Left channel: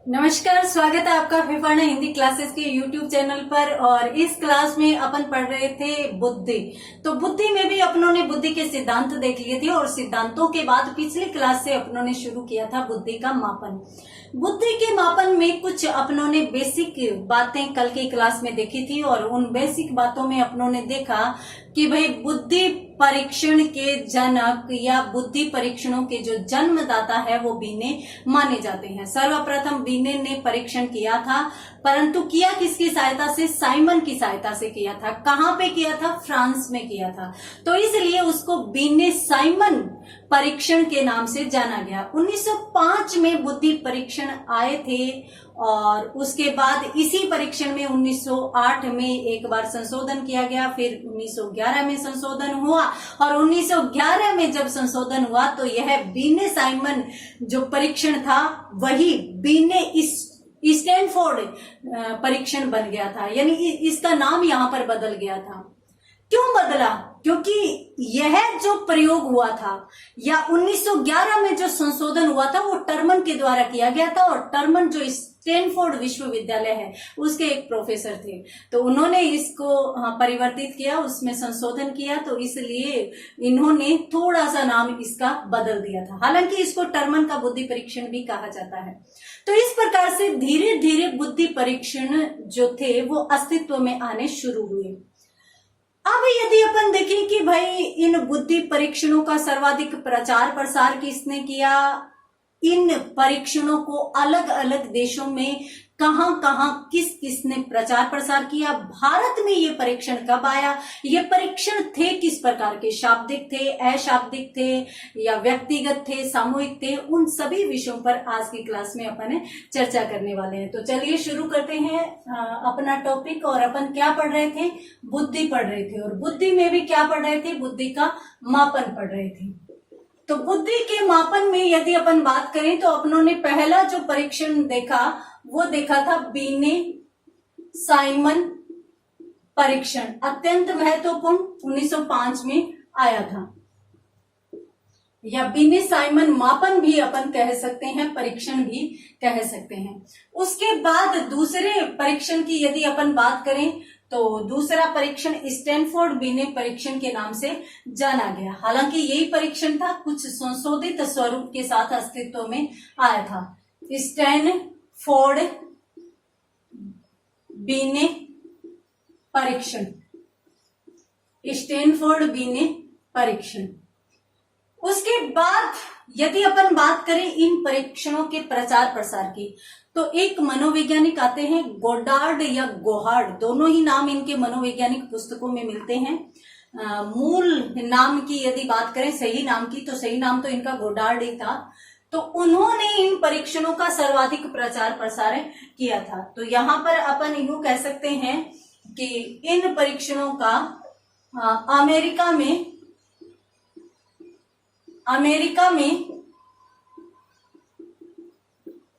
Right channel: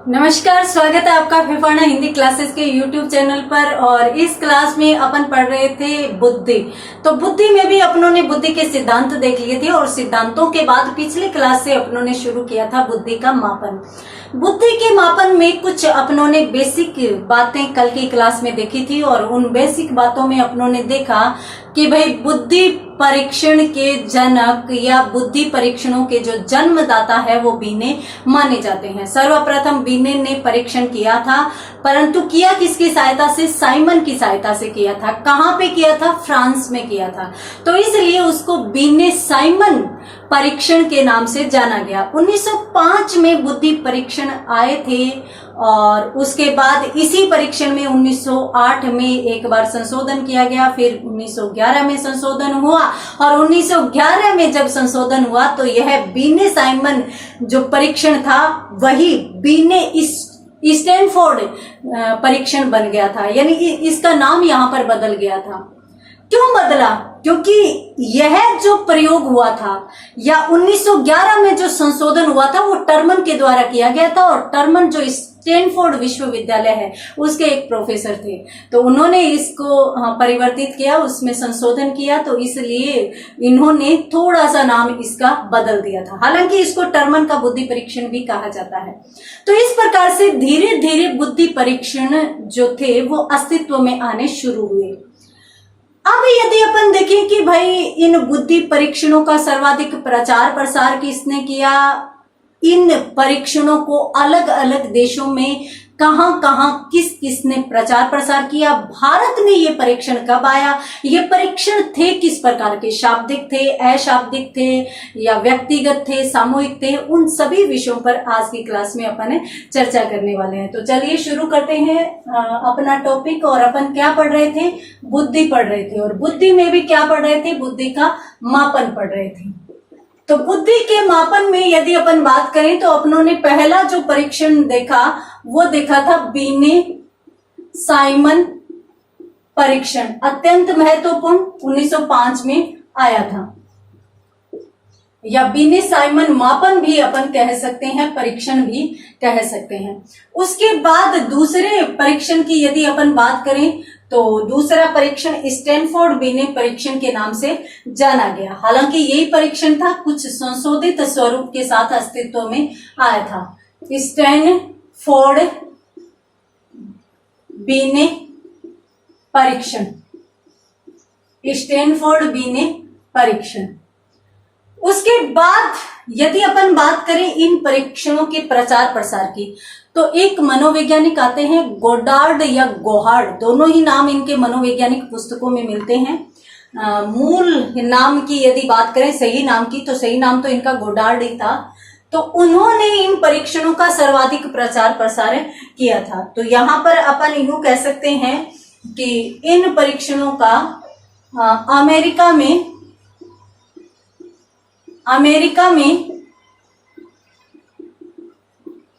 नमस्कार, स्वागत है आपका फिफाना हिंदी क्लासेस के यूट्यूब चैनल पर। और इस क्लास में अपन पढ़ रहे थे बुद्धि। तो बुद्धि में भी अपनों ने बुद्धि के सिद्धांत देख लिए थे और सिद्धांतों के बाद पिछली क्लास से अपनों ने शुरू किया था बुद्धि का मापन। बुद्धि के मापन में कुछ अपनों ने बेसिक बातें कल की क्लास में देखी थी और उन बेसिक बातों में अपनों ने देखा कि भाई बुद्धि परीक्षण के जनक या बुद्धि परीक्षणों के जो जन्मदाता है वो बीने माने जाते हैं। सर्वप्रथम बीने ने परीक्षण किया था, परंतु किया किसकी सहायता से? साइमन की सहायता से किया था। कहां पे किया था? फ्रांस में किया था। तो इसलिए उसको बीने साइमन परीक्षण के नाम से जाना गया। 1905 में बुद्धि परीक्षण आए थे और उसके बाद इसी परीक्षण में 1908 में एक बार संशोधन किया गया, फिर 1911 में संशोधन हुआ और 1911 में जब संशोधन हुआ तो यह बीने साइमन जो परीक्षण था वही बीने स्टैनफोर्ड परीक्षण बन गया था, यानी इसका नाम यहां पर बदल गया था। क्यों बदला? क्योंकि यह जो प्रयोग हुआ था या 1911 में जो संशोधन हुआ था वो टर्मन के द्वारा किया गया था और टर्मन जो स्टैनफोर्ड विश्वविद्यालय है उसके एक प्रोफेसर थे, तो उन्होंने इसको परिवर्तित किया, उसमें संशोधन किया, तो इसलिए इन्होंने थोड़ा सा नाम इसका बदल दिया था। हालांकि इसको टर्मन का बुद्धि परीक्षण भी कहा जाता है। तो इस प्रकार से धीरे धीरे बुद्धि परीक्षण जो थे वो अस्तित्व में आने शुरू हुए। अब यदि अपन देखें कि भाई इन बुद्धि परीक्षणों का सर्वाधिक प्रचार प्रसार किसने किया, इन परीक्षणों को अलग अलग देशों में कहां कहां किस किसने प्रचार प्रसार किया, भारत में ये परीक्षण कब आया, ये परीक्षण थे किस प्रकार के, शाब्दिक थे, अशाब्दिक थे या व्यक्तिगत थे, सामूहिक थे, उन सभी विषयों पर आज की क्लास में अपन चर्चा करने वाले हैं। तो चलिए शुरू करते हैं अपना टॉपिक। और अपन क्या पढ़ रहे थे? बुद्धि पढ़ रहे थे। और बुद्धि में भी क्या पढ़ रहे थे? बुद्धि का मापन पढ़ रहे थे। तो बुद्धि के मापन में यदि अपन बात करें तो अपनों ने पहला जो परीक्षण देखा वो देखा था बीने साइमन परीक्षण, अत्यंत महत्वपूर्ण, 1905 में आया था, या बीने साइमन मापन भी अपन कह सकते हैं, परीक्षण भी कह सकते हैं। उसके बाद दूसरे परीक्षण की यदि अपन बात करें तो दूसरा परीक्षण स्टैनफोर्ड बीने परीक्षण के नाम से जाना गया। हालांकि यही परीक्षण था, कुछ संशोधित स्वरूप के साथ अस्तित्व में आया था। स्टैनफोर्ड बीने परीक्षण, स्टैनफोर्ड बीने परीक्षण। उसके बाद यदि अपन बात करें इन परीक्षणों के प्रचार प्रसार की तो एक मनोवैज्ञानिक आते हैं, गोडार्ड या गोहार्ड, दोनों ही नाम इनके मनोवैज्ञानिक पुस्तकों में मिलते हैं। मूल नाम की यदि बात करें, सही नाम की, तो सही नाम तो इनका गोडार्ड ही था। तो उन्होंने इन परीक्षणों का सर्वाधिक प्रचार प्रसार किया था। तो यहां पर अपन यूं कह सकते हैं कि इन परीक्षणों का अमेरिका में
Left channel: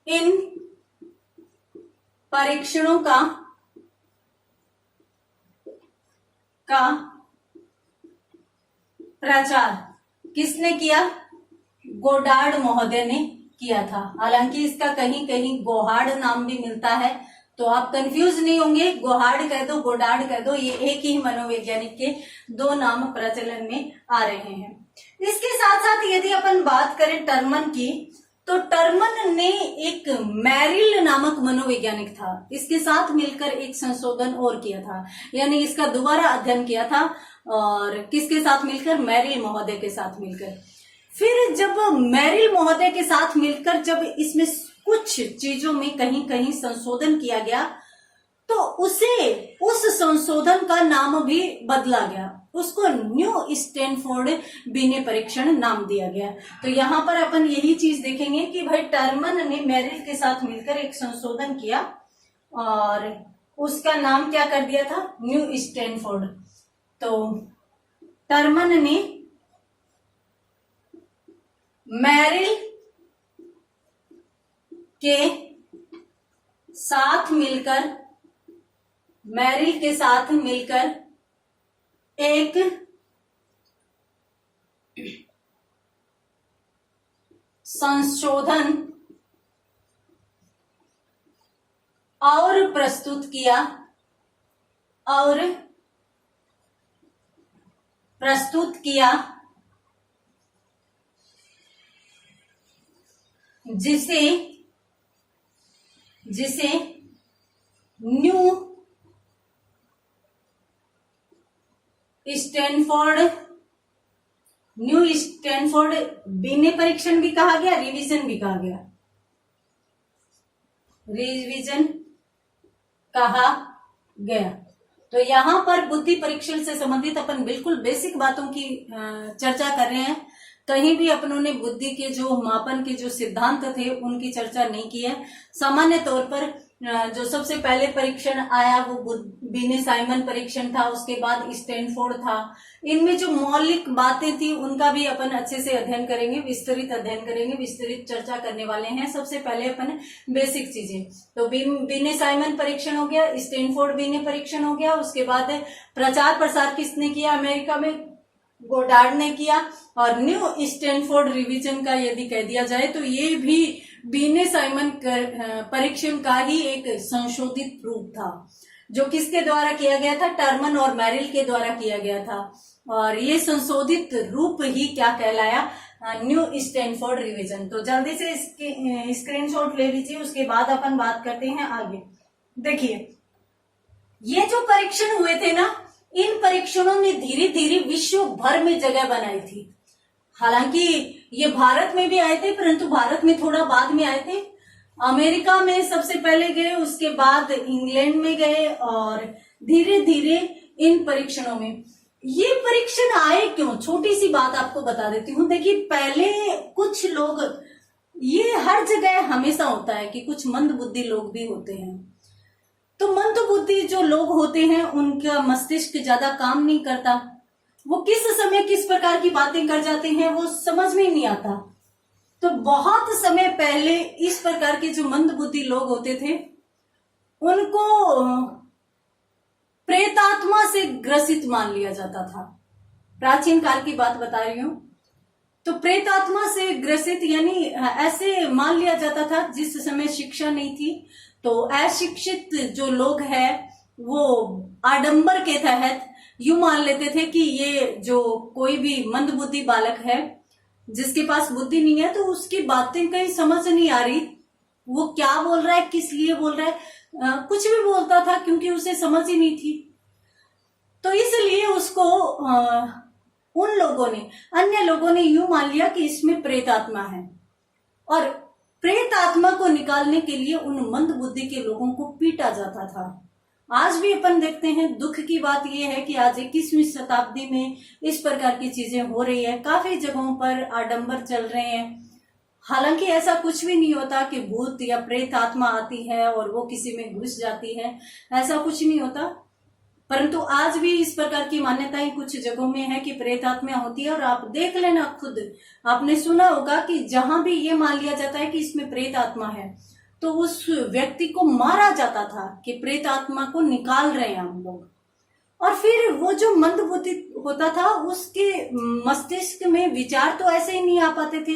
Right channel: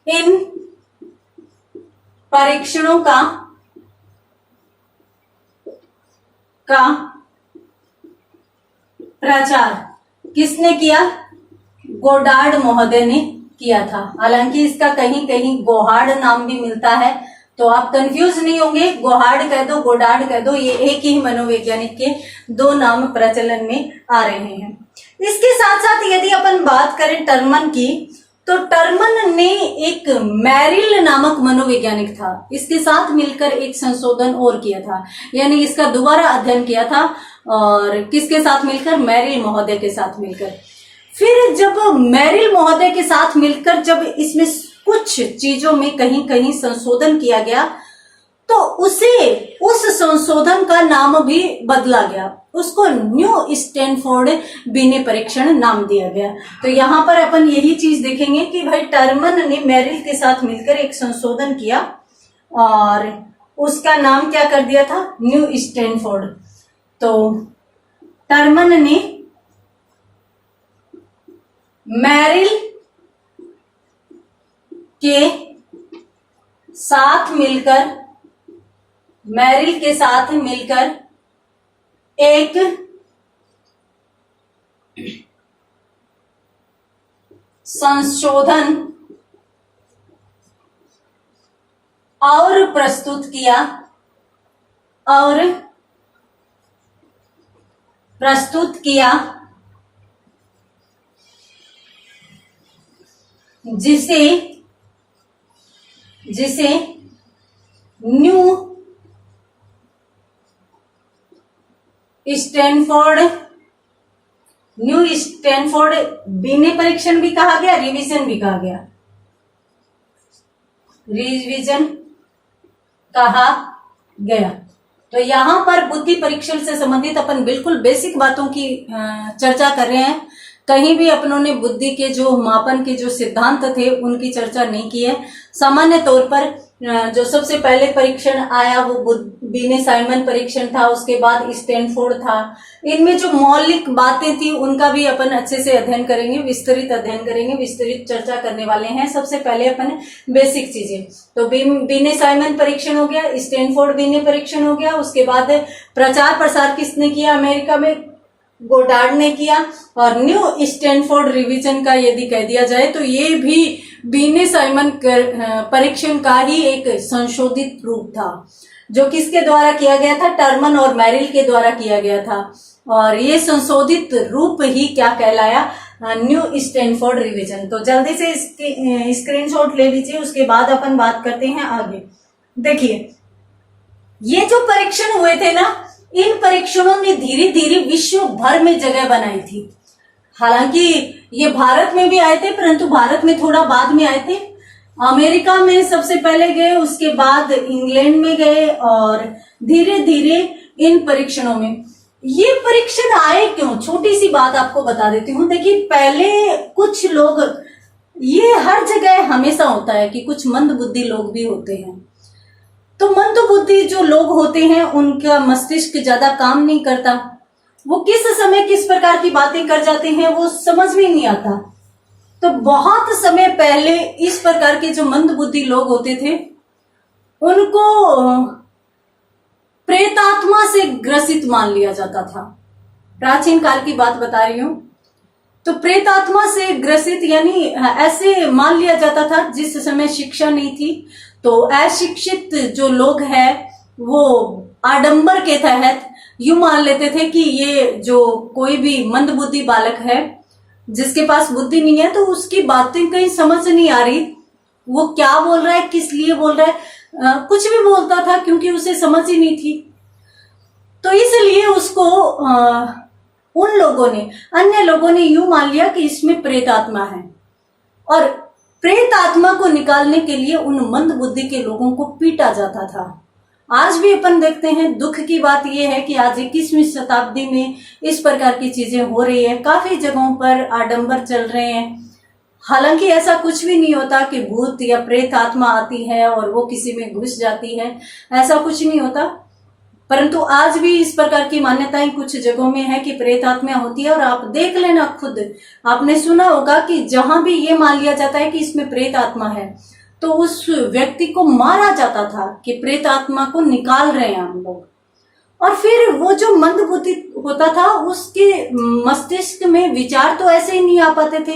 इन परीक्षणों का प्रचार किसने किया? गोडार्ड महोदय ने किया था। हालांकि इसका कहीं कहीं गोहार्ड नाम भी मिलता है, तो आप कंफ्यूज नहीं होंगे, गोहार्ड कह दो, गोडार्ड कह दो, ये एक ही मनोवैज्ञानिक के दो नाम प्रचलन में आ रहे हैं। इसके साथ साथ यदि अपन बात करें टर्मन की तो टर्मन ने एक मैरिल नामक मनोवैज्ञानिक था, इसके साथ मिलकर एक संशोधन और किया था, यानी इसका दोबारा अध्ययन किया था। और किसके साथ मिलकर? मैरिल महोदय के साथ मिलकर। फिर जब मैरिल महोदय के साथ मिलकर जब इसमें कुछ चीजों में कहीं कहीं संशोधन किया गया तो उस संशोधन का नाम भी बदला गया, उसको न्यू स्टैनफोर्ड बीने परीक्षण नाम दिया गया। तो यहां पर अपन यही चीज देखेंगे कि भाई टर्मन ने मैरिल के साथ मिलकर एक संशोधन किया और उसका नाम क्या कर दिया था? New Stanford. तो टर्मन ने मैरिल के साथ मिलकर एक संशोधन और प्रस्तुत किया, और प्रस्तुत किया, जिसे न्यू स्टैनफोर्ड बिने परीक्षण भी कहा गया, रिवीजन भी कहा गया, रिवीजन कहा गया। तो यहां पर बुद्धि परीक्षण से संबंधित अपन बिल्कुल बेसिक बातों की चर्चा कर रहे हैं। कहीं भी अपनों ने बुद्धि के जो मापन के जो सिद्धांत थे उनकी चर्चा नहीं की है। सामान्य तौर पर जो सबसे पहले परीक्षण आया वो बिने साइमन परीक्षण था, उसके बाद स्टैनफोर्ड था। इनमें जो मौलिक बातें थी उनका भी अपन अच्छे से अध्ययन करेंगे, विस्तृत अध्ययन करेंगे, विस्तृत चर्चा करने वाले हैं। सबसे पहले अपन बेसिक चीजें, तो बिने साइमन परीक्षण हो गया, स्टैनफोर्ड बिने परीक्षण हो गया। उसके बाद प्रचार प्रसार किसने किया अमेरिका में? गोडार्ड ने किया। और न्यू स्टैनफोर्ड रिवीजन का यदि कह दिया जाए तो ये भी बिने साइमन परीक्षण का ही एक संशोधित रूप था, जो किसके द्वारा किया गया था? टर्मन और मैरिल के द्वारा किया गया था। और ये संशोधित रूप ही क्या कहलाया? New Stanford revision. तो जल्दी से इसके स्क्रीनशॉट ले लीजिए, उसके बाद अपन बात करते हैं आगे। देखिए, ये जो परीक्षण हुए थे ना, इन परीक्षणों ने धीरे धीरे विश्व भर में जगह बनाई थी। हालांकि ये भारत में भी आए थे, परंतु भारत में थोड़ा बाद में आए थे। अमेरिका में सबसे पहले गए, उसके बाद इंग्लैंड में गए, और धीरे धीरे इन परीक्षणों में ये परीक्षण आए क्यों? छोटी सी बात आपको बता देती हूँ। देखिए, पहले कुछ लोग, ये हर जगह हमेशा होता है कि कुछ मंद बुद्धि लोग भी होते हैं। तो मंद बुद्धि जो लोग होते हैं उनका मस्तिष्क ज्यादा काम नहीं करता, वो किस समय किस प्रकार की बातें कर जाते हैं वो समझ में नहीं आता। तो बहुत समय पहले इस प्रकार के जो मंद बुद्धि लोग होते थे उनको प्रेतात्मा से ग्रसित मान लिया जाता था। प्राचीन काल की बात बता रही हूं। तो प्रेतात्मा से ग्रसित यानी ऐसे मान लिया जाता था जिस समय शिक्षा नहीं थी। तो अशिक्षित जो लोग हैं वो आडंबर के तहत यूं मान लेते थे कि ये जो कोई भी मंद बुद्धि बालक है जिसके पास बुद्धि नहीं है, तो उसकी बातें कहीं समझ नहीं आ रही, वो क्या बोल रहा है, किस लिए बोल रहा है, कुछ भी बोलता था क्योंकि उसे समझ ही नहीं थी। तो इसलिए उसको उन लोगों ने, अन्य लोगों ने यूं मान लिया कि इसमें प्रेत आत्मा है, और प्रेत आत्मा को निकालने के लिए उन मंद बुद्धि के लोगों को पीटा जाता था। आज भी अपन देखते हैं। दुख की बात यह है कि आज 21वीं शताब्दी में इस प्रकार की चीजें हो रही है। काफी जगहों पर आडंबर चल रहे हैं। हालांकि ऐसा कुछ भी नहीं होता कि भूत या प्रेत आत्मा आती है और वो किसी में घुस जाती है, ऐसा कुछ नहीं होता। परंतु आज भी इस प्रकार की मान्यताएं कुछ जगहों में है कि प्रेत आत्मा होती है। और आप देख लेना खुद, आपने सुना होगा कि जहां भी ये मान लिया जाता है कि इसमें प्रेत आत्मा है तो उस व्यक्ति को मारा जाता था कि प्रेत आत्मा को निकाल रहे हैं हम लोग। और फिर वो जो मंद बुद्धि होता था उसके मस्तिष्क में विचार तो ऐसे ही नहीं आ पाते थे,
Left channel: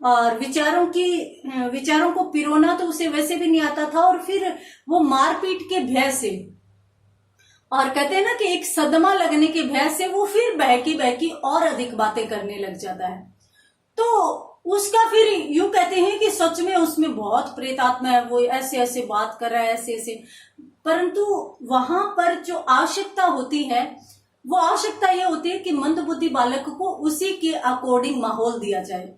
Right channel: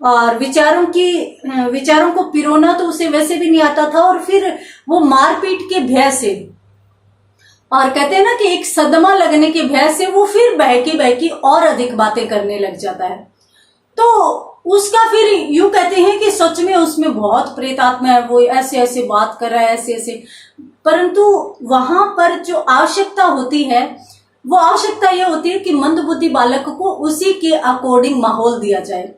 और विचारों को पिरोना तो उसे वैसे भी नहीं आता था। और फिर वो मारपीट के भय से, और कहते हैं ना कि एक सदमा लगने के भय से वो फिर बहकी और अधिक बातें करने लग जाता है। तो उसका फिर यूं कहते हैं कि सच में उसमें बहुत प्रेत आत्मा है, वो ऐसे ऐसे बात कर रहा है, ऐसे ऐसे। परंतु वहां पर जो आवश्यकता होती है वो आवश्यकता ये होती है कि मंद बुद्धि बालक को उसी के अकॉर्डिंग माहौल दिया जाए।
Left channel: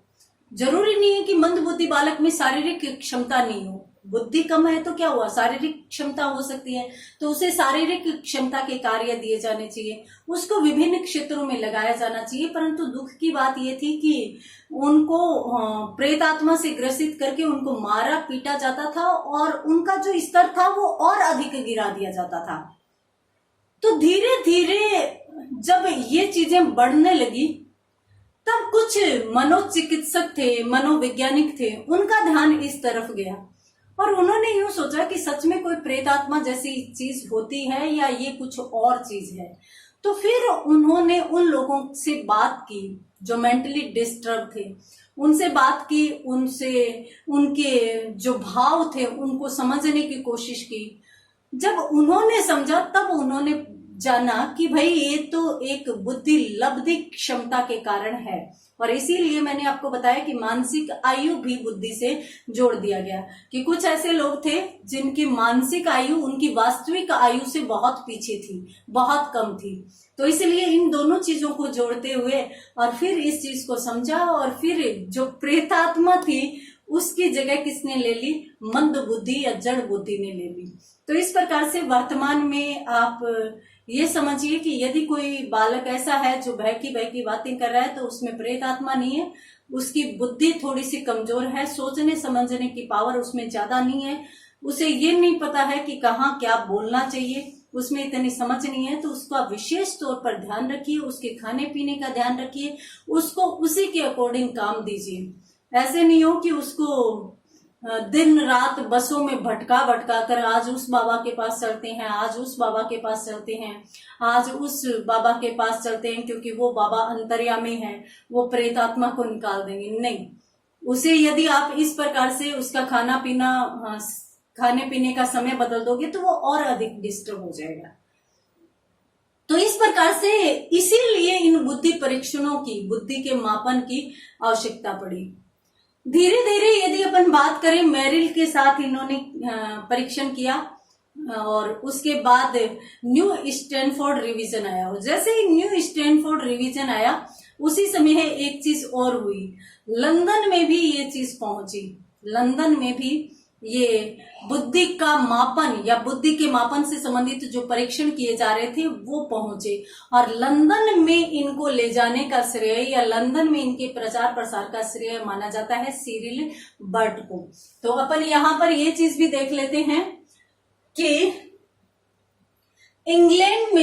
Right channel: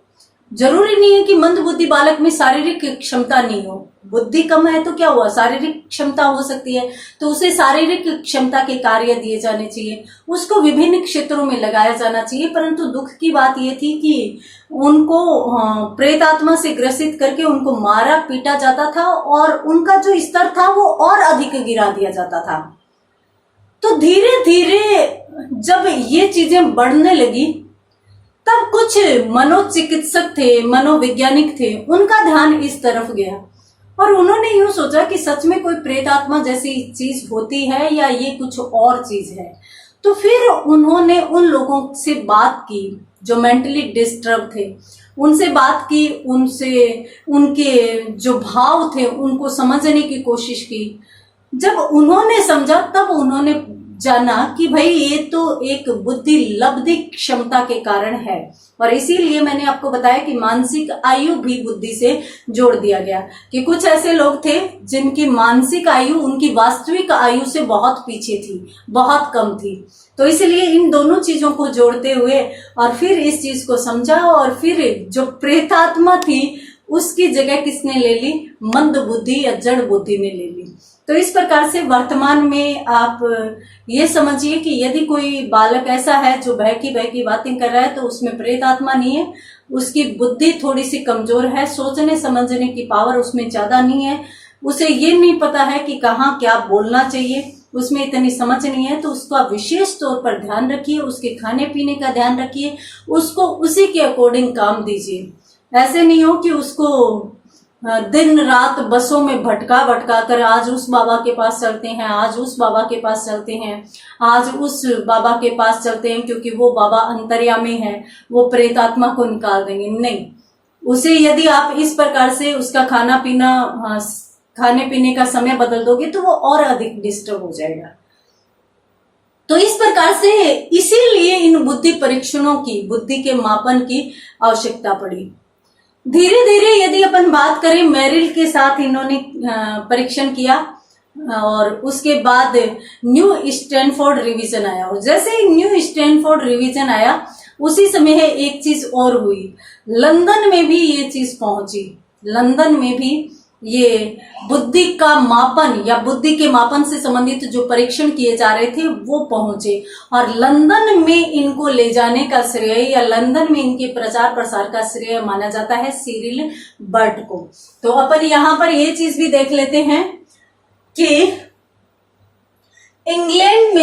जरूरी नहीं है कि मंद बुद्धि बालक में शारीरिक क्षमता नहीं हो। बुद्धि कम है तो क्या हुआ, शारीरिक क्षमता हो सकती है, तो उसे शारीरिक क्षमता के कार्य दिए जाने चाहिए, उसको विभिन्न क्षेत्रों में लगाया जाना चाहिए। परंतु दुख की बात यह थी कि उनको प्रेत आत्मा से ग्रसित करके उनको मारा पीटा जाता था, और उनका जो स्तर था वो और अधिक गिरा दिया जाता था। तो धीरे धीरे जब ये चीजें बढ़ने लगी तब कुछ मनोचिकित्सक थे, मनोवैज्ञानिक थे, उनका ध्यान इस तरफ गया और उन्होंने यूं सोचा कि सच में कोई प्रेतात्मा जैसी चीज होती है या ये कुछ और चीज है। तो फिर उन्होंने उन लोगों से बात की जो मेंटली डिस्टर्ब थे, उनसे बात की, उनसे उनके जो भाव थे उनको समझने की कोशिश की। जब उन्होंने समझा तब उन्होंने जाना कि भाई ये तो एक बुद्धि लब्धि क्षमता के कारण है, और इसीलिए मैंने आपको बताया कि मानसिक आयु भी बुद्धि से जोड़ दिया गया, कि कुछ ऐसे लोग थे जिनकी मानसिक आयु उनकी वास्तविक आयु से बहुत पीछे थी, बहुत कम थी। तो इसलिए इन दोनों चीजों को जोड़ते हुए और फिर इस चीज को समझा, और फिर जो प्रेतात्मा थी उसकी जगह किसने ले ली? मंद बुद्धि या जड़ बुद्धि ने ले ली। तो इस प्रकार से वर्तमान में आप ये समझिए कि यदि कोई बालक ऐसा है जो बहकी बातें कर रहा है, तो उसमें प्रेत आत्मा नहीं है, उसकी बुद्धि थोड़ी सी कमजोर है, सोचने समझने की पावर उसमें ज्यादा नहीं है, उसे ये नहीं पता है कि कहाँ क्या बोलना चाहिए, उसमें इतनी समझ नहीं है। तो उसको आप विशेष तौर पर ध्यान रखिए, उसके खाने पीने का ध्यान रखिए, उसको उसी के अकॉर्डिंग काम दीजिए। ऐसे नहीं हो कि उसको दिन रात बसों में भटका कर आज उस बाबा के पास चलते हैं, आज उस बाबा के पास चलते हैं, आज उस बाबा के पास चलते हैं क्योंकि वो बाबा अंतर्यामी है, वो प्रेतात्मा को निकाल देंगे। नहीं, उसे यदि आप इस प्रकार से उसका खाना पीना, खाने पीने का समय बदल दोगे तो वो और अधिक डिस्टर्ब हो जाएगा। तो इस प्रकार से इसीलिए इन बुद्धि परीक्षणों की, बुद्धि के मापन की आवश्यकता पड़ी। धीरे धीरे यदि अपन बात करें, मेरिल के साथ इन्होंने परीक्षण किया, और उसके बाद न्यू स्टैनफोर्ड रिवीजन आया, और जैसे ही न्यू स्टैनफोर्ड रिवीजन आया उसी समय एक चीज और हुई, लंदन में भी ये चीज पहुंची। लंदन में भी ये बुद्धि का मापन या बुद्धि के मापन से संबंधित जो परीक्षण किए जा रहे थे वो पहुंचे, और लंदन में इनको ले जाने का श्रेय या लंदन में इनके प्रचार प्रसार का श्रेय माना जाता है सिरिल बर्ट को। तो अपन यहां पर ये चीज भी देख लेते हैं कि इंग्लैंड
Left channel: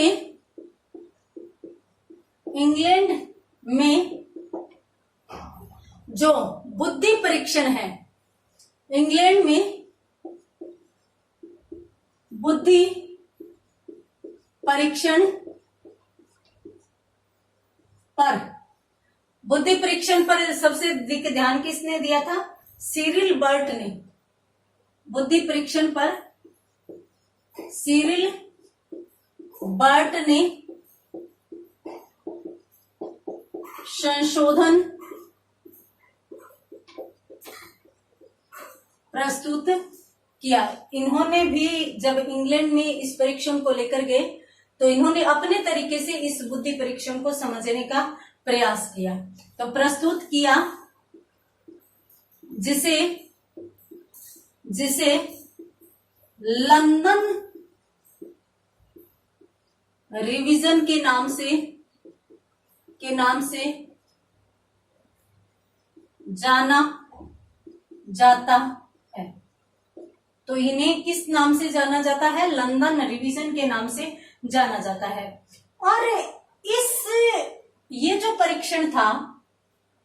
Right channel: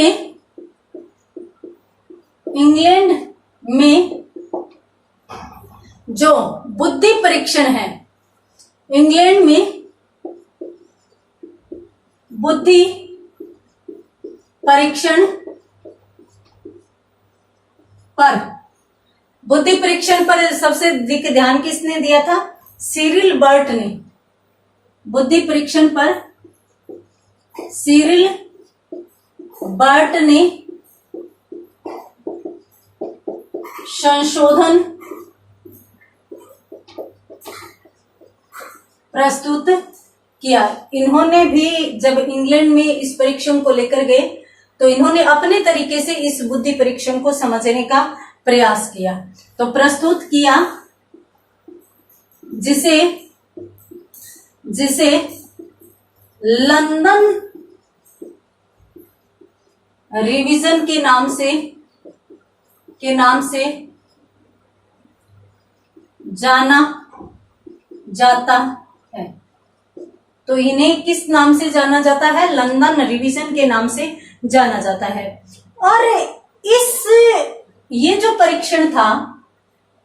में जो बुद्धि परीक्षण है, इंग्लैंड में बुद्धि परीक्षण पर सबसे अधिक ध्यान किसने दिया था? सिरिल बर्ट ने। बुद्धि परीक्षण पर सिरिल बर्ट ने संशोधन प्रस्तुत किया। इन्होंने भी जब इंग्लैंड में इस परीक्षण को लेकर गए तो इन्होंने अपने तरीके से इस बुद्धि परीक्षण को समझने का प्रयास किया, तो प्रस्तुत किया, जिसे लंदन रिवीजन के नाम से जाना जाता है। तो इन्हें किस नाम से जाना जाता है? लंदन रिवीजन के नाम से जाना जाता है। और ये जो परीक्षण था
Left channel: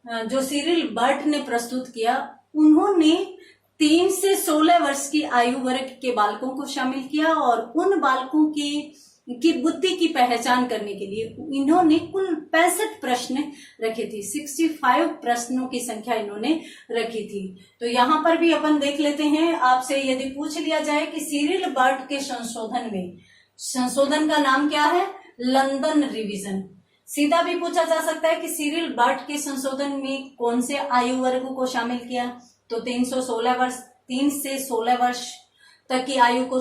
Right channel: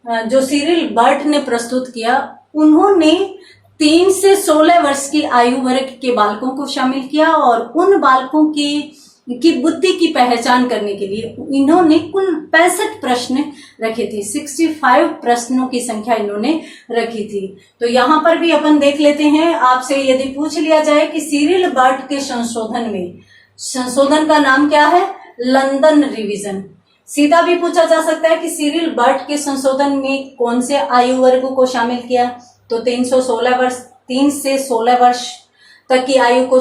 जो सिरिल बर्ट ने प्रस्तुत किया, उन्होंने 3 से 16 वर्ष की आयु वर्ग के बालकों को शामिल किया, और उन बालकों की बुद्धि की पहचान करने के लिए इन्होंने कुल 65 प्रश्न रखे थे। 65 प्रश्नों की संख्या इन्होंने रखी थी। तो यहां पर भी अपन देख लेते हैं, आपसे यदि पूछ लिया जाए कि सिरिल बर्ट के संशोधन का नाम क्या है? London revision. सीधा भी पूछा जा सकता है कि सिरिल बर्ट के संशोधन में कौन से आयु वर्ग को शामिल किया? तो 3 से 16 वर्ष तक की आयु को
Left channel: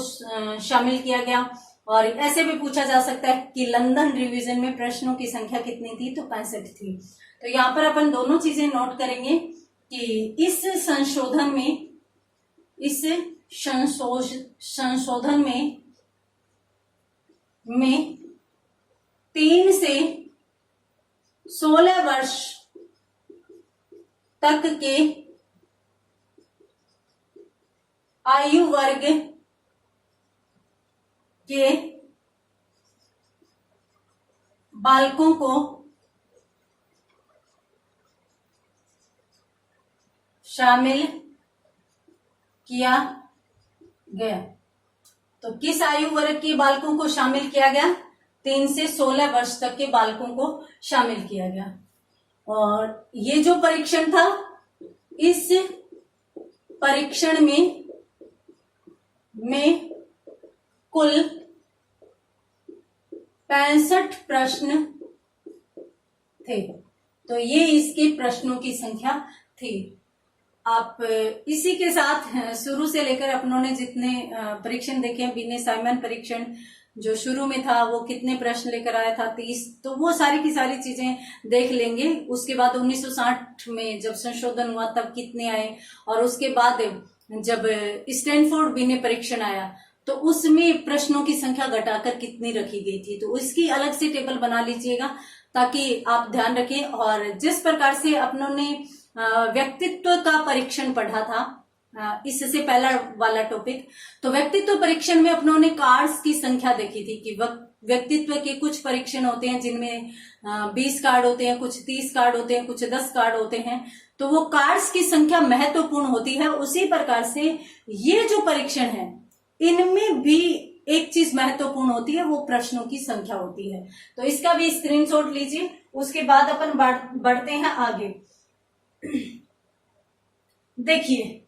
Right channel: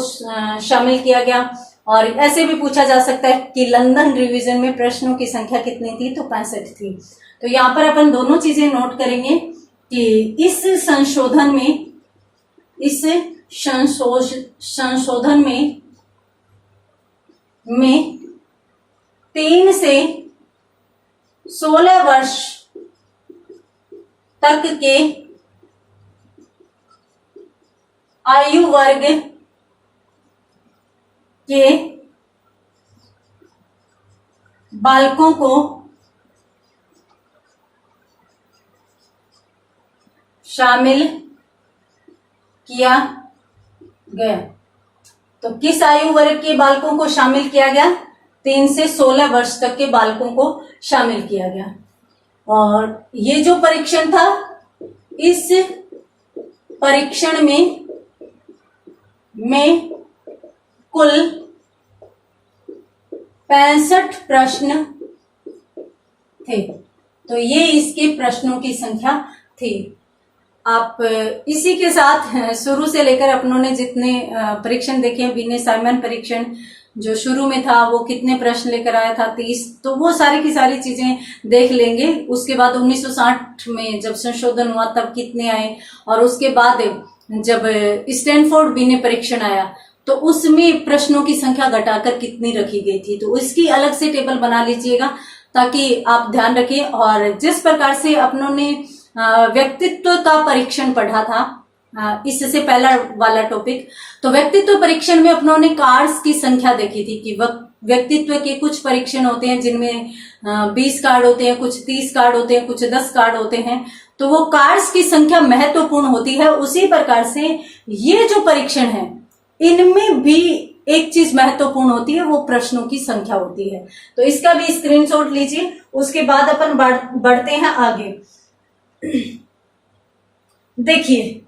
शामिल किया गया। और ऐसे भी पूछा जा सकता है कि लंदन रिवीजन में प्रश्नों की संख्या कितनी थी? तो 65 थी। तो यहाँ पर अपन दोनों चीजें नोट करेंगे कि इस संशोधन में 3 से 16 वर्ष तक के आयु वर्ग के बालकों को शामिल किया गया। तो किस आयु वर्ग के बालकों को शामिल किया गया? 3 से 16 वर्ष तक के बालकों को शामिल किया गया। और ये जो परीक्षण था इस परीक्षण में कुल 65 प्रश्न थे। तो ये इसके प्रश्नों की संख्या थी। आप इसी के साथ शुरू से लेकर अपनों ने जितने परीक्षण देखे हैं, विनय साइमन परीक्षण जो शुरू में था वो कितने प्रश्न लेकर आया था, 30, तो वो सारी की सारी चीजें देख लेंगे। उसके बाद 1960 में जब संशोधन हुआ तब कितने आए, और उसके बाद जब स्टैनफोर्ड विनय परीक्षण आया तो उसमें प्रश्नों की संख्या घटाकर कितनी रखी गई थी। तो इसकी अलग से टेबल बना लीजिएगा ताकि आप ध्यान रखें। और जिस प्रकार से अपनों ने व्यक्तित्व का परीक्षण पढ़ा था, इससे पहला वाला टॉपिक, तो व्यक्तित्व परीक्षण में अपनों ने कार्ड्स की संख्या देखी थी कि व्यक्तित्व के कुछ परीक्षण होते हैं जिनमें 20 कार्ड होते हैं, कुछ 30 कार्ड होते हैं, कुछ 10 कार्ड होते हैं। तो वो कार्ड्स की संख्या महत्वपूर्ण होती है। उसी प्रकार से ये जो परीक्षण है इनमें भी एक चीज महत्वपूर्ण होती है, वो प्रश्नों की संख्या होती है। तो इसका भी स्क्रीनशॉट लीजिए। उसके बाद अपन बढ़ते हैं आगे। देखिए,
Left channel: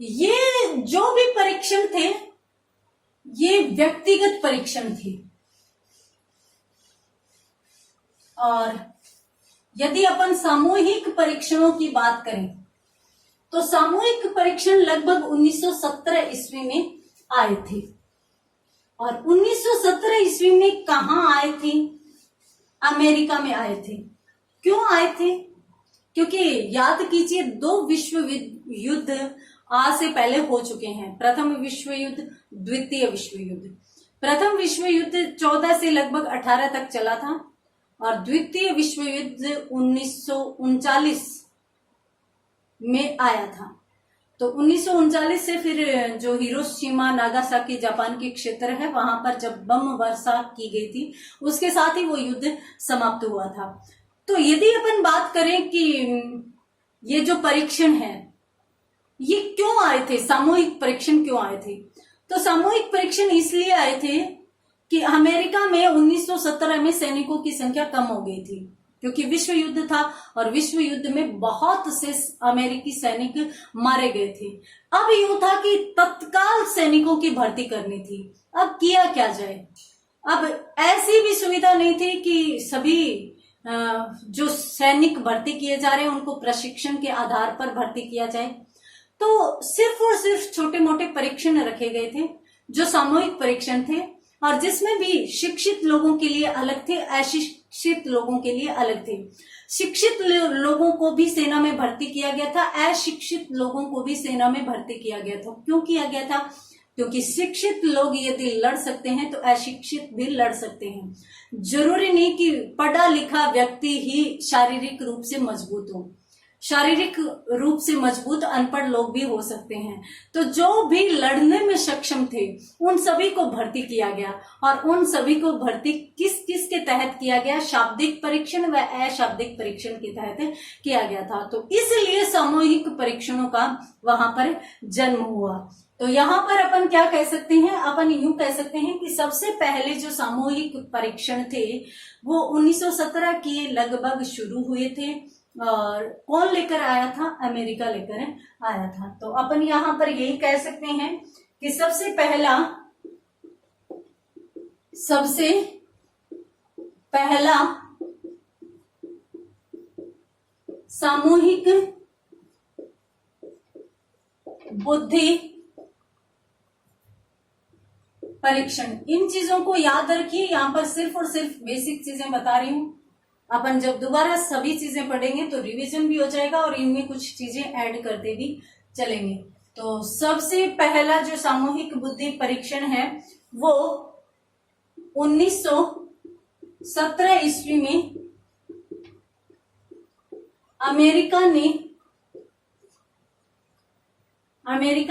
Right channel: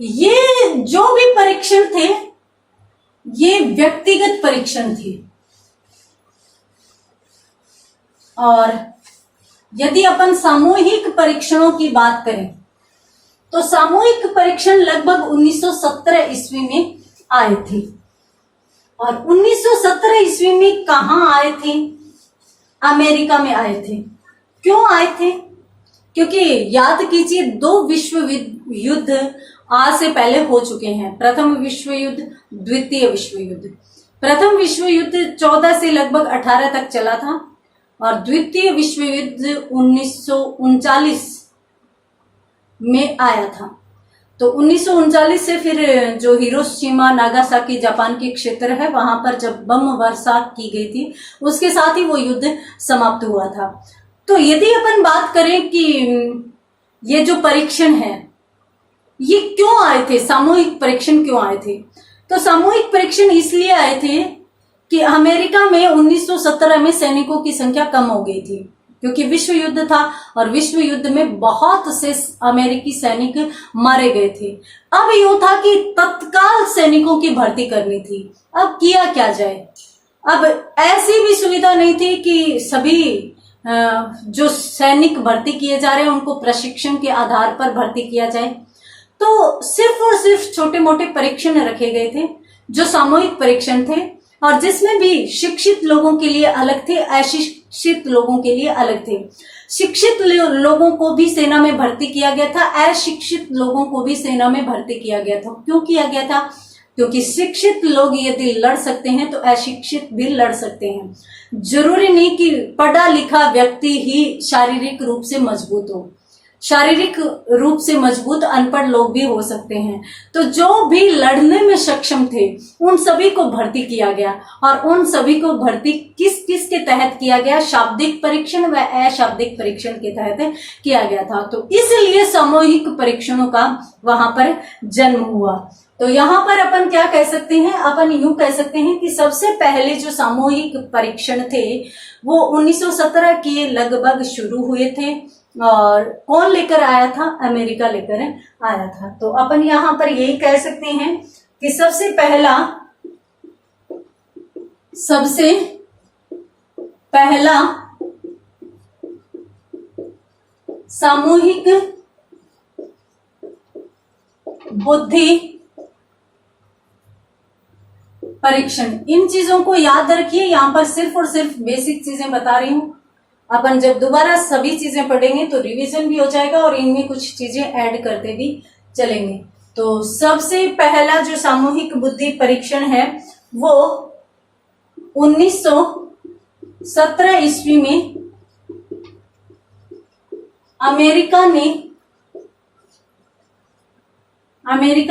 ये जो भी परीक्षण थे ये व्यक्तिगत परीक्षण थे। और यदि अपन सामूहिक परीक्षणों की बात करें तो सामूहिक परीक्षण लगभग 1917 ईस्वी में आए थे। और 1917 ईस्वी में कहां आए थे? अमेरिका में आए थे। क्यों आए थे? क्योंकि याद कीजिए 2 विश्व युद्ध आज से पहले हो चुके हैं। प्रथम विश्व युद्ध, द्वितीय विश्व युद्ध। प्रथम विश्व युद्ध 14 से लगभग 18 तक चला था और द्वितीय विश्व युद्ध 1939 में आया था। तो 1939 से फिर जो हिरोशिमा नागासाकी जापान के क्षेत्र है वहां पर जब बम वर्षा की गई थी उसके साथ ही वो युद्ध समाप्त हुआ था। तो यदि अपन बात करें कि ये जो परीक्षण है ये क्यों आए थे, सामूहिक परीक्षण क्यों आए थे, तो सामूहिक परीक्षण इसलिए आए थे कि अमेरिका में 1917 में सैनिकों की संख्या कम हो गई थी क्योंकि विश्व युद्ध था और विश्व युद्ध में बहुत से अमेरिकी सैनिक मारे गए थे। अब यूं था कि तत्काल सैनिकों की भर्ती करनी थी। अब किया क्या जाए? अब ऐसी भी सुविधा नहीं थी कि सभी जो सैनिक भर्ती किए जा रहे हैं उनको प्रशिक्षण के आधार पर भर्ती किया जाए। तो सिर्फ और सिर्फ छोटे मोटे परीक्षण रखे गए थे जो सामूहिक परीक्षण थे और जिसमें भी शिक्षित लोगों के लिए अलग थे, अशिक्षित लोगों के लिए अलग थे। शिक्षित लोगों को भी सेना में भर्ती किया गया था, अशिक्षित लोगों को भी सेना में भर्ती किया गया था। क्यों किया गया था? क्योंकि शिक्षित लोग यदि लड़ सकते हैं तो अशिक्षित भी लड़ सकते हैं। जरूरी नहीं कि पढ़ा लिखा व्यक्ति ही शारीरिक रूप से मजबूत हो, शारीरिक रूप से मजबूत अनपढ़ लोग भी हो सकते हैं। तो जो भी लड़ने में सक्षम थे उन सभी को भर्ती किया गया और उन सभी को भर्ती किस किस के तहत किया गया? शाब्दिक परीक्षण व अशाब्दिक परीक्षण के तहत किया गया था। तो इसलिए सामूहिक परीक्षणों का वहां पर जन्म हुआ। तो यहाँ पर अपन क्या कह सकते हैं? अपन यूं कह सकते हैं कि सबसे पहले जो सामूहिक परीक्षण थे वो 1917 के लगभग शुरू हुए थे और कौन लेकर आया था? अमेरिका लेकर आया था। तो अपन यहां पर यही कह सकते हैं कि सबसे पहला सामूहिक बुद्धि परीक्षण। इन चीजों को याद रखिए, यहां पर सिर्फ और सिर्फ बेसिक चीजें बता रही हूं। अपन जब दोबारा सभी चीजें पढ़ेंगे तो रिवीजन भी हो जाएगा और इनमें कुछ चीजें ऐड करते भी चलेंगे। तो सबसे पहला जो सामूहिक बुद्धि परीक्षण है वो 1917 ईस्वी में अमेरिका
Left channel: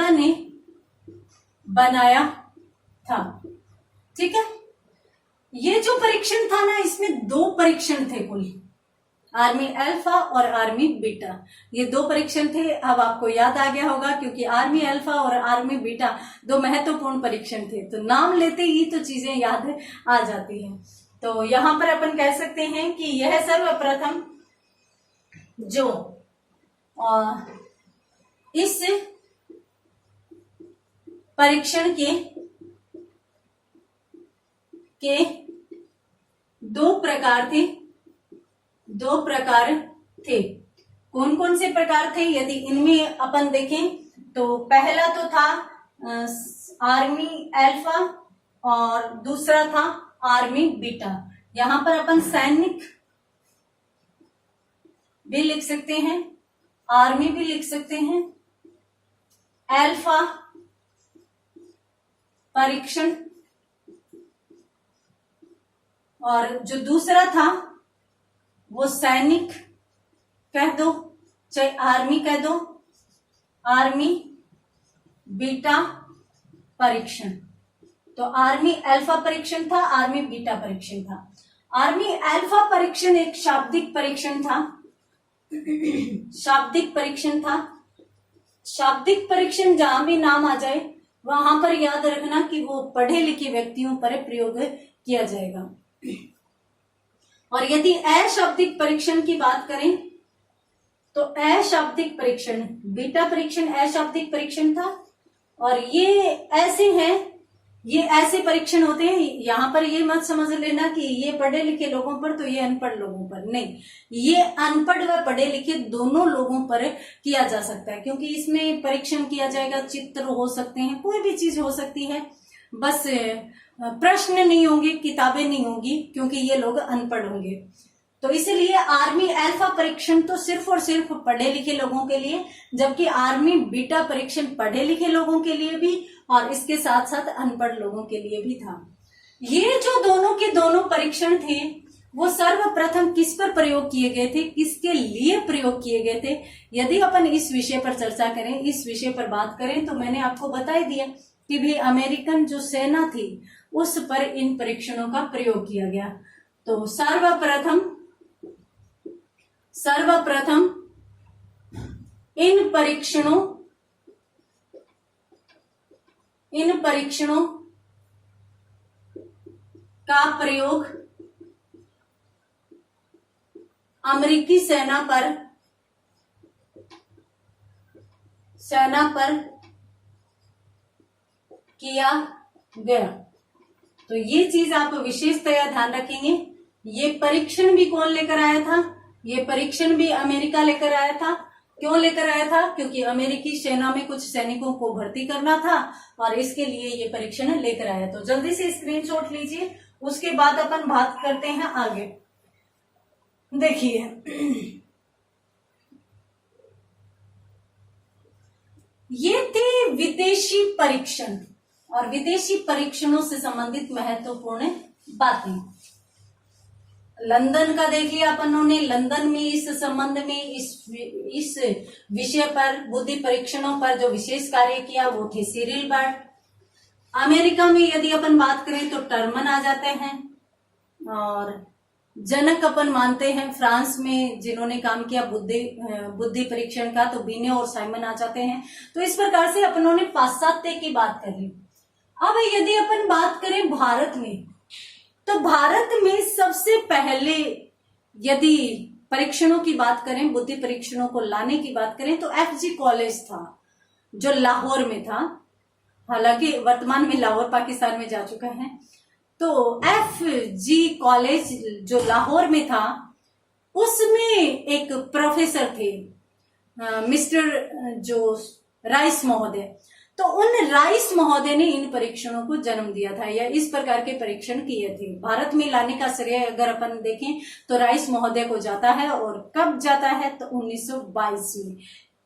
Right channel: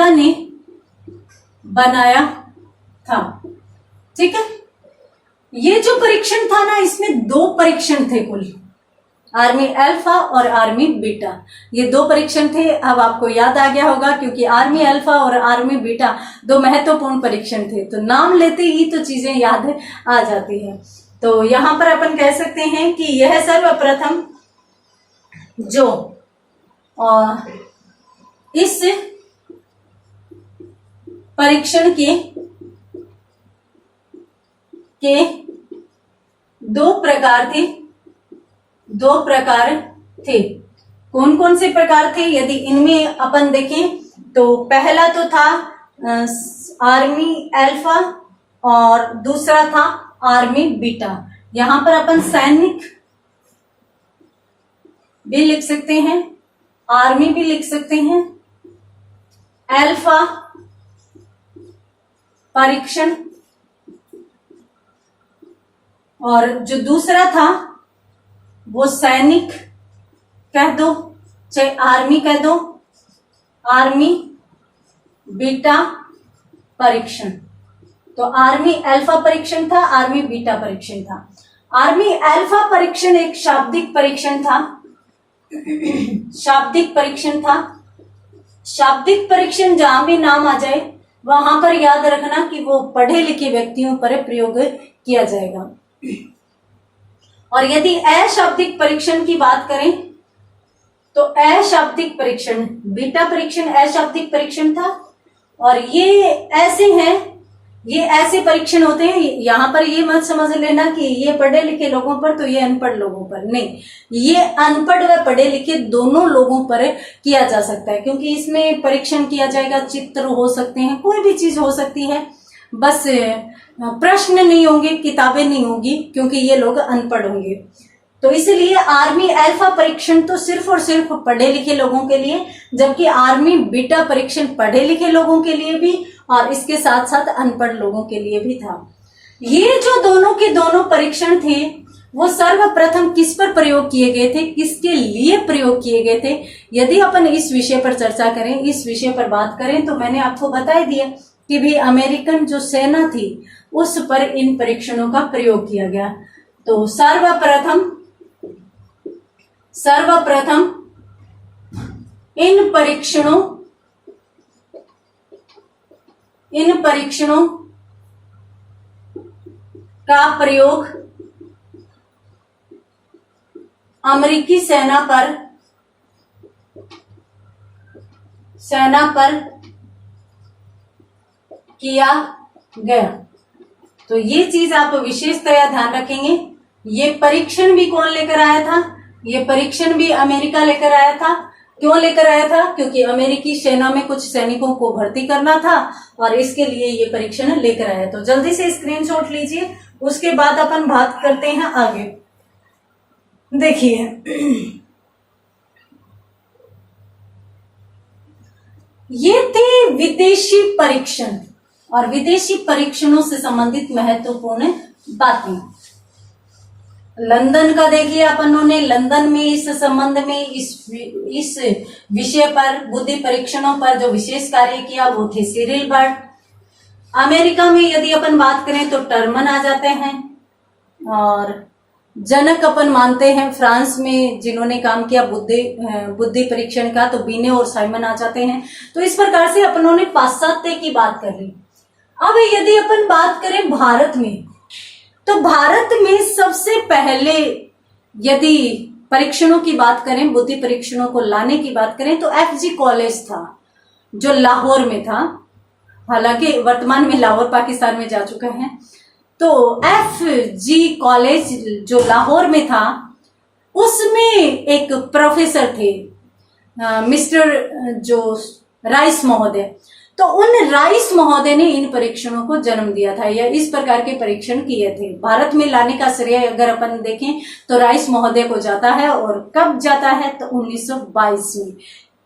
ने बनाया था। ठीक है, ये जो परीक्षण था ना इसमें 2 परीक्षण थे कुल, आर्मी अल्फा और आर्मी बीटा। ये 2 परीक्षण थे। अब आपको याद आ गया होगा क्योंकि आर्मी अल्फा और आर्मी बीटा 2 महत्वपूर्ण परीक्षण थे। तो नाम लेते ही तो चीजें याद आ जाती है। तो यहां पर अपन कह सकते हैं कि यह जो इस परीक्षण के दो प्रकार थे। कौन कौन से प्रकार थे? यदि इनमें अपन देखें तो पहला तो था आर्मी अल्फा और दूसरा था आर्मी बीटा। यहां पर अपन सैनिक भी लिख सकते हैं, आर्मी भी लिख सकते हैं। अल्फा परीक्षण और जो दूसरा था वो सैनिक कह दो, चाहे आर्मी कह दो, आर्मी बीटा परीक्षण। तो आर्मी अल्फा परीक्षण था, आर्मी बीटा परीक्षण था। आर्मी अल्फा परीक्षण एक शाब्दिक परीक्षण था। शाब्दिक परीक्षण था। शाब्दिक परीक्षण जहां भी नाम आ जाए वहां पर याद रखना कि वो पढ़े लिखे व्यक्तियों पर प्रयोग किया जाएगा। और यदि अशाब्दिक परीक्षण की बात करें तो अशाब्दिक परीक्षण, बीटा परीक्षण अशाब्दिक परीक्षण था। और ये ऐसे हैं, ये ऐसे परीक्षण होते हैं, यहां पर ये मत समझ लेना कि ये पढ़े लिखे लोगों पर तो ये अनपढ़ लोगों पर, नहीं, ये अनपढ़ व पढ़े लिखे दोनों लोगों पर किया जा सकता है, क्योंकि इसमें परीक्षण किया जाएगा, चित्र हो सकते हैं, कोई भी चीज हो सकती है, बस प्रश्न नहीं होंगे, किताबें नहीं होगी, क्योंकि ये लोग अनपढ़ होंगे। तो इसलिए आर्मी अल्फा परीक्षण तो सिर्फ और सिर्फ पढ़े लिखे लोगों के लिए, जबकि आर्मी बीटा परीक्षण पढ़े लिखे लोगों के लिए भी और इसके साथ साथ अनपढ़ लोगों के लिए भी था। ये जो दोनों के दोनों परीक्षण थे वो सर्वप्रथम किस पर प्रयोग किए गए थे, किसके लिए प्रयोग किए गए थे? यदि अपन इस विषय पर चर्चा करें, इस विषय पर बात करें, तो मैंने आपको बता ही दिया कि भी अमेरिकन जो सेना थी उस पर इन परीक्षणों का प्रयोग किया गया। तो सर्वप्रथम इन परीक्षणों का प्रयोग अमेरिकी सेना पर किया गया। तो ये चीज आप विशेषतया ध्यान रखेंगे। ये परीक्षण भी कौन लेकर आया था? ये परीक्षण भी अमेरिका लेकर आया था। क्यों लेकर आया था? क्योंकि अमेरिकी सेना में कुछ सैनिकों को भर्ती करना था और इसके लिए ये परीक्षण लेकर आया। तो जल्दी से स्क्रीनशॉट लीजिए, उसके बाद अपन बात करते हैं आगे। देखिए, ये थे विदेशी परीक्षण और विदेशी परीक्षणों से संबंधित महत्वपूर्ण बातें। लंदन का देख लिया अपनों ने। लंदन में इस संबंध में इस विषय पर, बुद्धि परीक्षणों पर जो विशेष कार्य किया वो थे सिरिल बर्ड। अमेरिका में यदि अपन बात करें तो टर्मन आ जाते हैं और जनक अपन मानते हैं फ्रांस में जिन्होंने काम किया बुद्धि परीक्षण का, तो बीने और साइमन आ जाते हैं। तो इस प्रकार से अपनों ने पाश्चात्य की बात कर ली। अब यदि अपन बात करें भारत में, तो भारत में सबसे पहले यदि परीक्षणों की बात करें, बुद्धि परीक्षणों को लाने की बात करें, तो FG कॉलेज था जो लाहौर में था। हालांकि वर्तमान में लाहौर पाकिस्तान में जा चुका है। तो FG कॉलेज जो लाहौर में था उसमें एक प्रोफेसर थे मिस्टर जो राइस महोदय। तो उन राइस महोदय ने इन परीक्षणों को जन्म दिया था या इस प्रकार के परीक्षण किए थे। भारत में लाने का श्रेय अगर अपन देखें तो राइस महोदय को जाता है। और कब जाता है? तो 1922 में।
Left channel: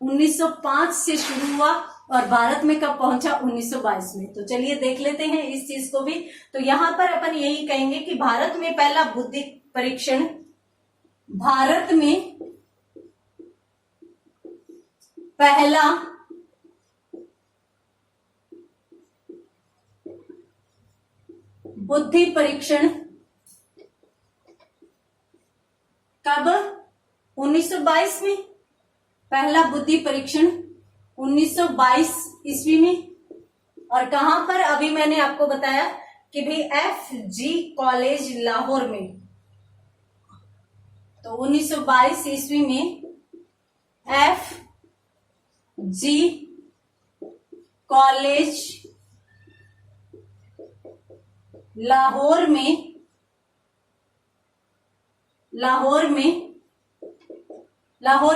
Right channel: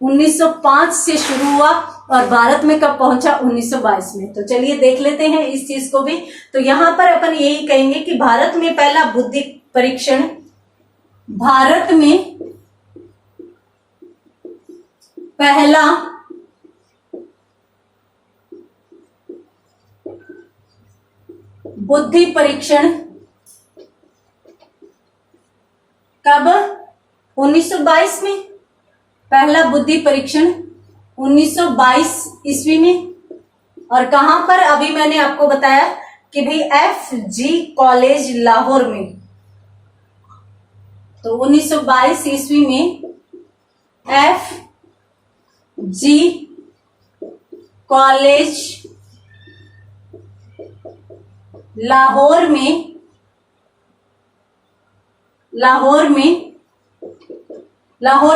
1905 से शुरू हुआ और भारत में कब पहुंचा? 1922 में। तो चलिए देख लेते हैं इस चीज को भी। तो यहां पर अपन यही कहेंगे कि भारत में पहला बुद्धि परीक्षण, भारत में पहला बुद्धि परीक्षण कब? 1922 में। पहला बुद्धि परीक्षण 1922 ईस्वी में। और कहां पर? अभी मैंने आपको बताया कि भाई FG कॉलेज लाहौर में। तो 1922 ईस्वी में FG कॉलेज लाहौर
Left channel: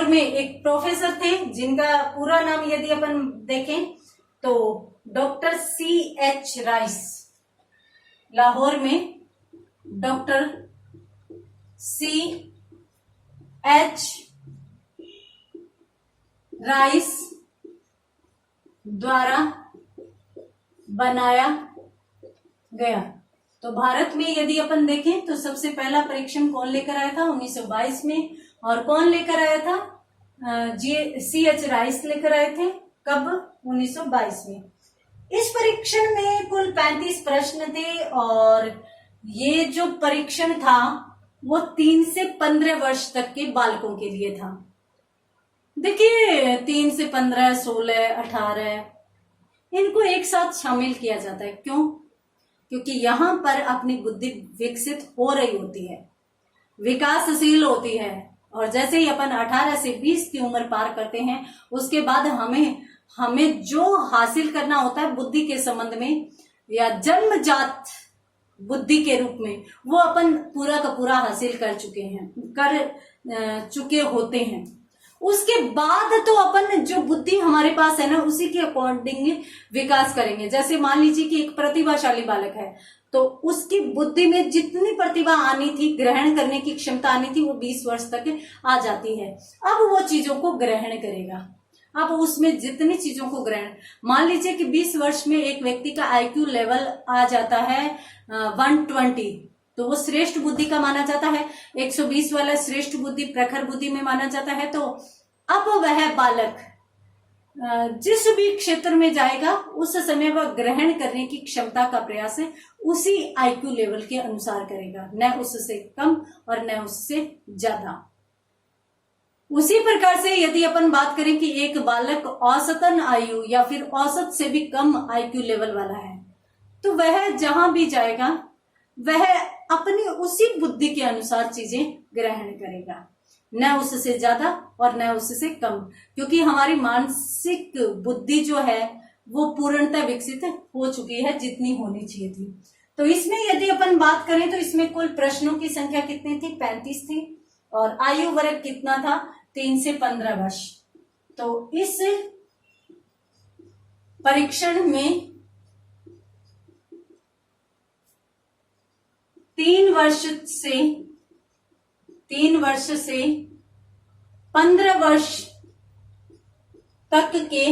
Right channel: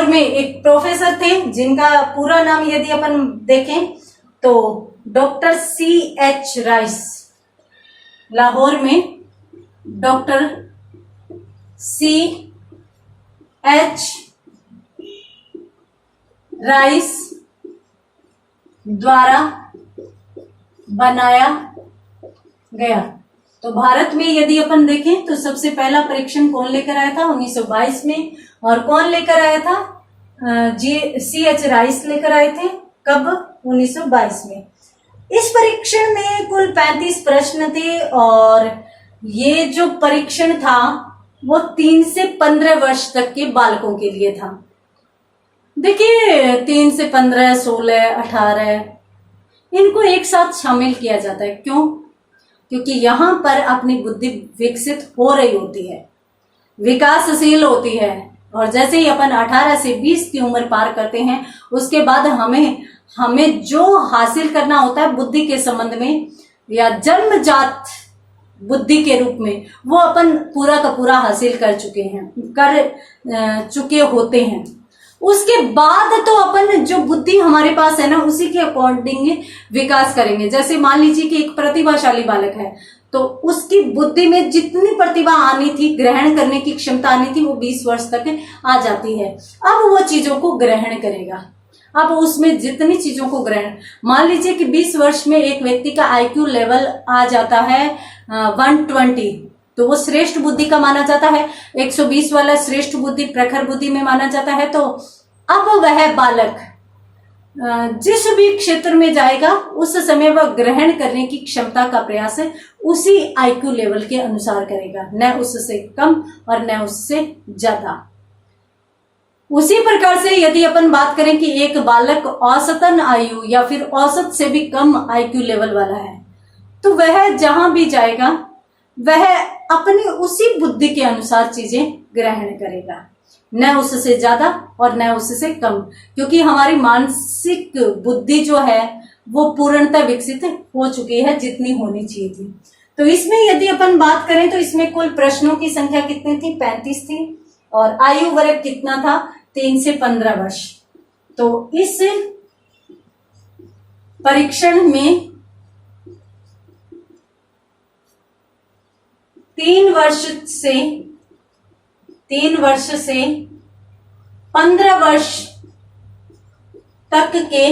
में एक प्रोफेसर थे जिनका पूरा नाम यदि अपन देखें तो डॉक्टर CH राइस। लाहौर में डॉक्टर CH राइस द्वारा बनाया गया। तो भारत में यदि अपन देखें तो सबसे पहला परीक्षण कौन लेकर आया था 1922 में, और कौन लेकर आया था CH राइस लेकर आए थे। कब? 1922 में। इस परीक्षण में कुल 35 प्रश्न थे और ये जो परीक्षण था वो 3 से 15 वर्ष तक के बालकों के लिए था। देखिए 3 से 15, 16, 18 इनको एक साथ शामिल किया जाता है। क्यों? क्योंकि यहाँ पर अपनी बुद्धि विकसित हो रही होती है, विकासशील होती है, और जैसे ही अपन 18 से 20 की उम्र पार करते हैं उसके बाद हमें जो हासिल करना होता है बुद्धि के संबंध में या जन्मजात बुद्धि के रूप में, वो अपन पूरा का पूरा हासिल कर चुके होते हैं। उसके बाद तो अपन जो बुद्धि हमारे पास है ना उसी के अकॉर्डिंग विकास करेंगे। जैसे मान लीजिए कि एक प्रतिभाशाली बालक है तो उसकी बुद्धि में जितनी प्रतिभा आनी थी, ग्रहण करने की क्षमता आनी थी, वो 20 वर्ष तक आ जाती है। अब वो चीजों को ग्रहण करेगा। अब उसमें जितनी चीजों को ग्रहण, मान लीजिए कि 20 वर्ष में एक व्यक्ति का IQ लेवल आ जाता है 120, तो वो श्रेष्ठ बुद्धि का माना जाता है। 120 वाला श्रेष्ठ बुद्धि, प्रखर बुद्धि में माना जाता है। तो अब वह बालक जिस भी क्षेत्र में जाएगा उस समय वह ग्रहण करने की क्षमता का प्रयास उसी IQ लेवल के अनुसार करेगा, न उससे कम और न उससे ज्यादा। उसी प्रकार से यदि अपन बात करें कि एक बालक औसतन आयु या फिर औसत से भी कम IQ लेवल वाला है तो वह जहां भी जाएगा वह अपनी उसी बुद्धि के अनुसार चीजें ग्रहण करेगा, न उससे ज्यादा और न उससे कम, क्योंकि हमारी मानसिक बुद्धि जो है वो पूर्णतः विकसित हो चुकी है जितनी होनी चाहिए थी। तो इसमें यदि अपन बात करें तो इसमें कुल प्रश्नों की संख्या कितनी थी? 35 थी, और आयु वर्ग कितना था? 3 से 15 वर्ष। तो इस परीक्षण में 3 वर्ष से 15 वर्ष तक के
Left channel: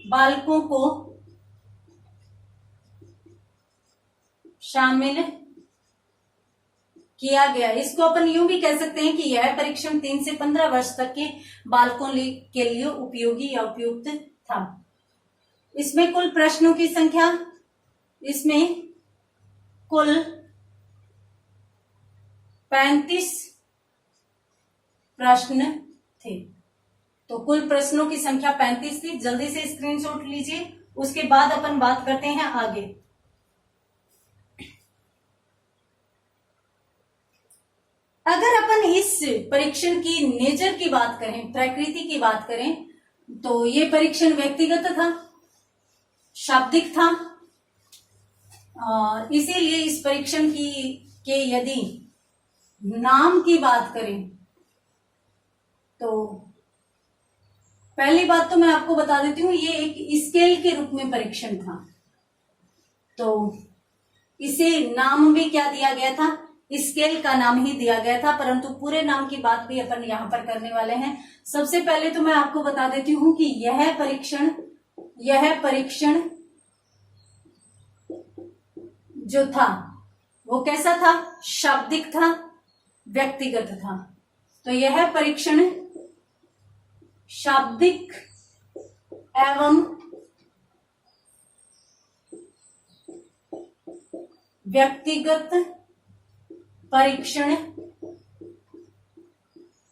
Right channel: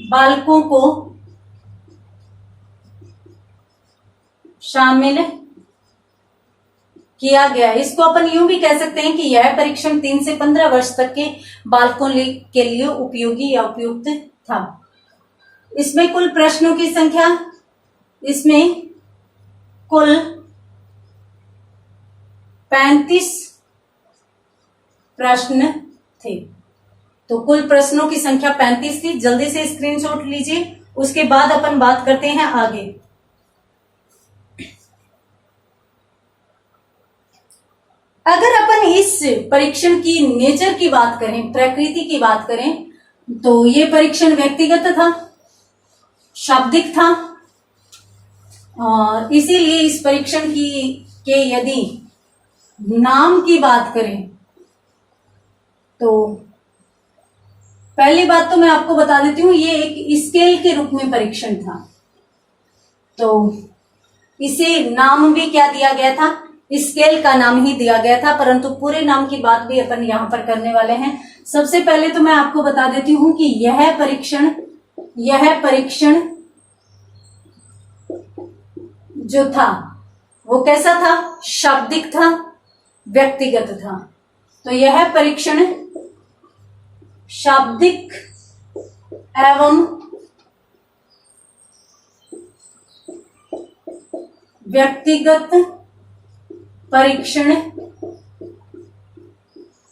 बालकों को शामिल किया गया। इसको अपन यूं भी कह सकते हैं कि यह परीक्षण 3 से 15 वर्ष तक के बालकों के लिए उपयोगी या उपयुक्त था। इसमें कुल प्रश्नों की संख्या, इसमें कुल 35 प्रश्न थे। तो कुल प्रश्नों की संख्या 35 थी। जल्दी से स्क्रीनशॉट लीजिए, उसके बाद अपन बात करते हैं आगे। अगर अपन इस परीक्षण की नेचर की बात करें, प्रकृति की बात करें, तो ये परीक्षण व्यक्तिगत था, शाब्दिक था, और इसीलिए इस परीक्षण के यदि नाम की बात करें तो पहली बात तो मैं आपको बता देती हूँ, ये एक स्केल के रूप में परीक्षण था। तो इसे नाम भी क्या दिया गया था? स्केल का नाम ही दिया गया था, परंतु पूरे नाम की बात भी अपन यहाँ पर करने वाले हैं। सबसे पहले तो मैं आपको बता देती हूँ कि यह परीक्षण जो था वो कैसा था? शाब्दिक था, व्यक्तिगत था। तो यह परीक्षण शाब्दिक एवं व्यक्तिगत परीक्षण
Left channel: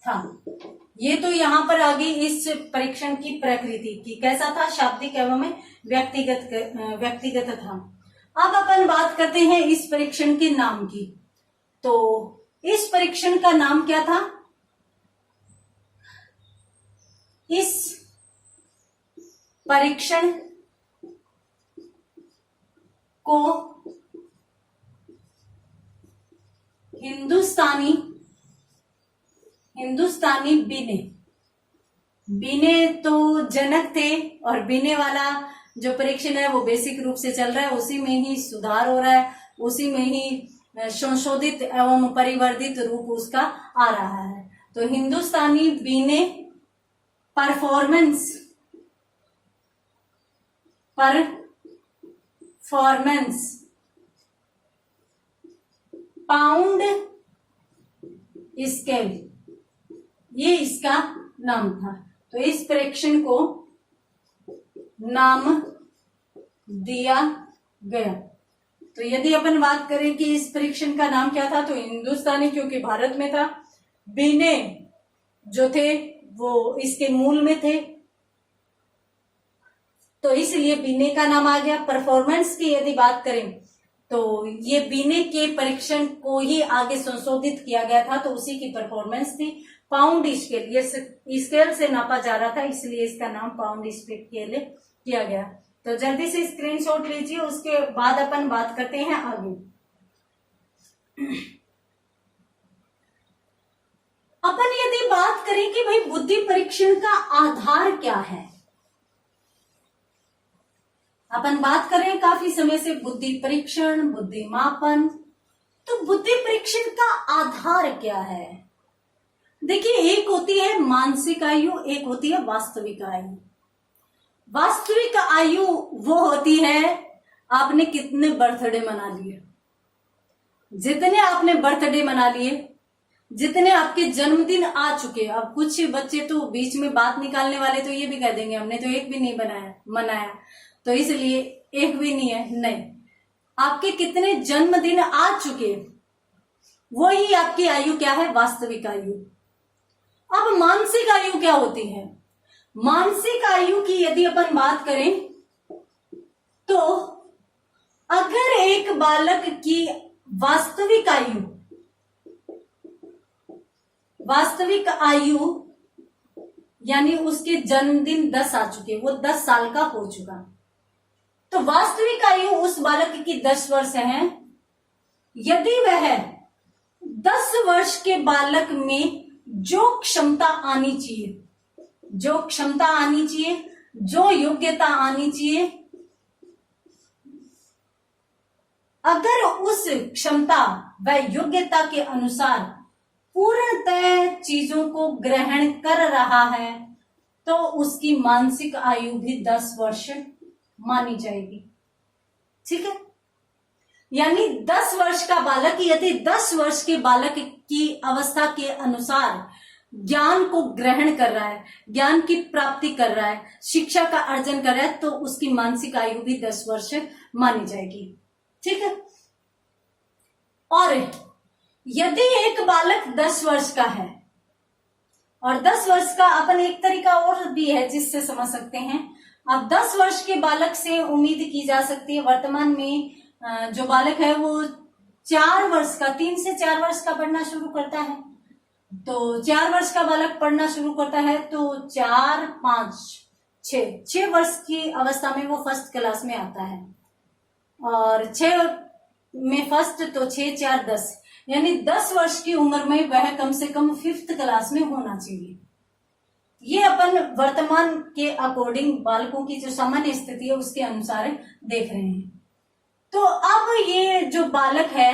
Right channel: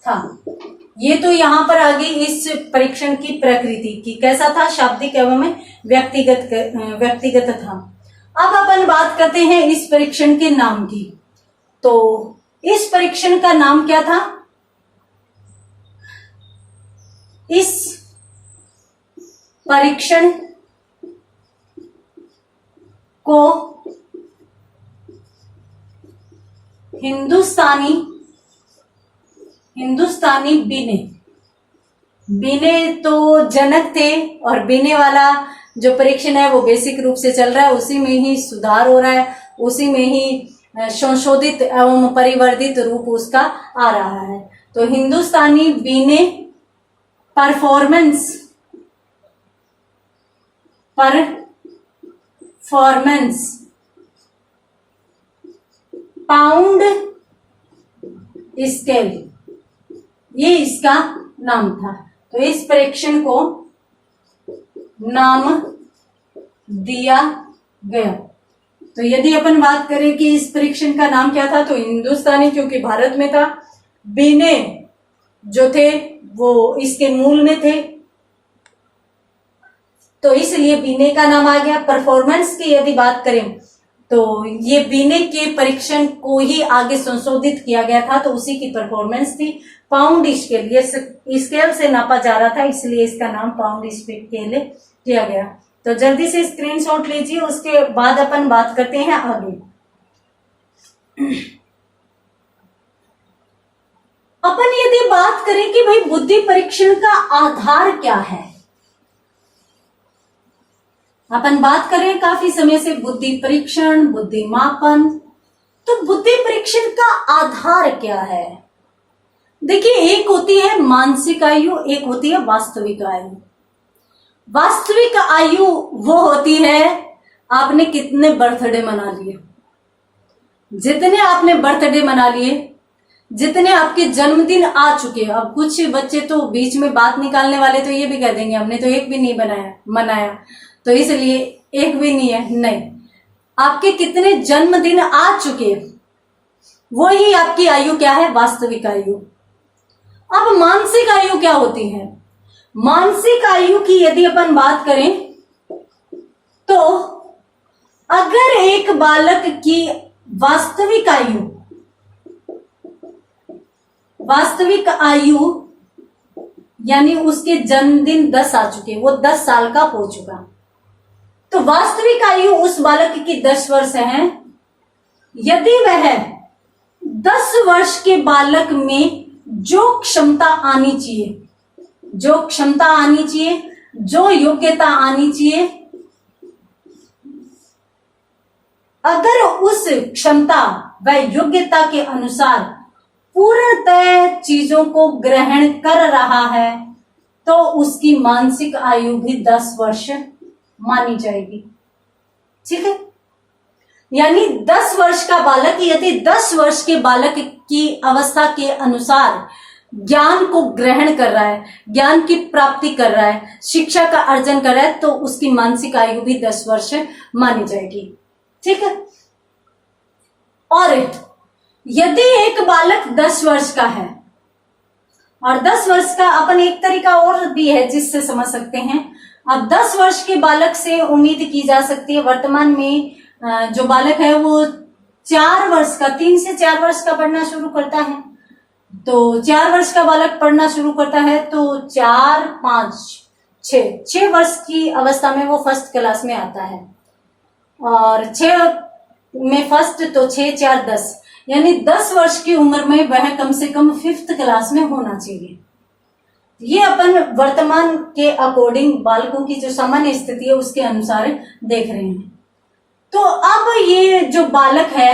था। ये तो यहां पर आ गई इस परीक्षण की प्रकृति की, कैसा था? शाब्दिक एवं व्यक्तिगत था। अब अपन बात करते हैं इस परीक्षण के नाम की। तो इस परीक्षण का नाम क्या था? इस परीक्षण को हिंदुस्तानी बीने तो जनक थे, और बीने वाला जो परीक्षण है वो बेसिक रूप से चल रहा है, उसी में ही सुधार हो रहा है, उसी में ही संशोधित एवं परिवर्धित रूप उसका आ रहा है। तो हिंदुस्तानी बीने परफॉर्मेंस पाउंड स्केल, ये इसका नाम था। तो इस परीक्षण को नाम दिया गया। तो यदि अपन बात करें कि इस परीक्षण का नाम क्या था, तो हिंदुस्तानी क्योंकि भारत में था, बीने जो थे वो इसके मूल में थे, तो इसलिए बीने का नाम आ गया। परफॉर्मेंस की यदि बात करें तो ये बीने के परीक्षण को ही आगे संशोधित किया गया था, तो उसी की परफॉर्मेंस थी। पाउंड स्केल, ये स्केल से नापा जा रहा था, इसलिए इसका नाम पाउंड स्केल किया गया। तो जल्दी से स्क्रीनशॉट लीजिए, उसके बाद अपन बात करते हैं आगे। अपन यदि बात करें कि भाई बुद्धि परीक्षण का आधार क्या है, अपन बात करें काफी समय से बुद्धि परीक्षण, बुद्धि मापन, तो बुद्धि परीक्षण का आधार क्या है? देखिए, एक होती है मानसिक आयु, एक होती है वास्तविक आयु। वास्तविक आयु वो होती है आपने कितने बर्थडे मना लिए, जितने आपने बर्थडे मना लिए, जितने आपके जन्मदिन आ चुके। अब कुछ बच्चे तो बीच में बात निकालने वाले तो ये भी कह देंगे हमने तो एक भी नहीं मनाया, तो इसलिए एक भी नहीं है। नहीं, आपके कितने जन्मदिन आ चुके, वो ही आपकी आयु क्या है? वास्तविक आयु। अब मानसिक आयु क्या होती है? मानसिक आयु की यदि अपन बात करें तो अगर एक बालक की वास्तविक आयु यानी उसके जन्मदिन 10 आ चुके, वो 10 साल का हो चुका, तो वास्तविक आयु उस बालक की 10 वर्ष है। यदि वह 10 वर्ष के बालक में जो क्षमता आनी चाहिए, जो योग्यता आनी चाहिए, अगर उस क्षमता व योग्यता के अनुसार पूर्णतः चीजों को ग्रहण कर रहा है, तो उसकी मानसिक आयु भी 10 वर्ष मानी जाएगी। ठीक है, यानी 10 वर्ष का बालक यदि 10 वर्ष के बालक की अवस्था के अनुसार ज्ञान को ग्रहण कर रहा है, ज्ञान की प्राप्ति कर रहा है, शिक्षा का अर्जन कर रहा है, तो उसकी मानसिक आयु भी 10 वर्ष मानी जाएगी। ठीक है, और यदि एक बालक 10 वर्ष का है, और 10 वर्ष का अपन एक तरीका और भी है जिससे समझ सकते हैं। अब 10 वर्ष के बालक से उम्मीद की जा सकती है, वर्तमान में जो बालक है वो 4 वर्ष का, 3 से 4 वर्ष का पढ़ना शुरू करता है। तो 4 वर्ष का बालक पढ़ना शुरू करता है तो 4, 5, 6 वर्ष की अवस्था में वो फर्स्ट क्लास में आता है, और 6 में फर्स्ट, तो 6, 4, 10, यानी 10 वर्ष की उम्र में वह कम से कम 5th क्लास में होना चाहिए। ये अपन वर्तमान के अकॉर्डिंग बालकों की जो सामान्य स्थिति है उसके अनुसार देख रहे हैं। तो अब ये जो बालक है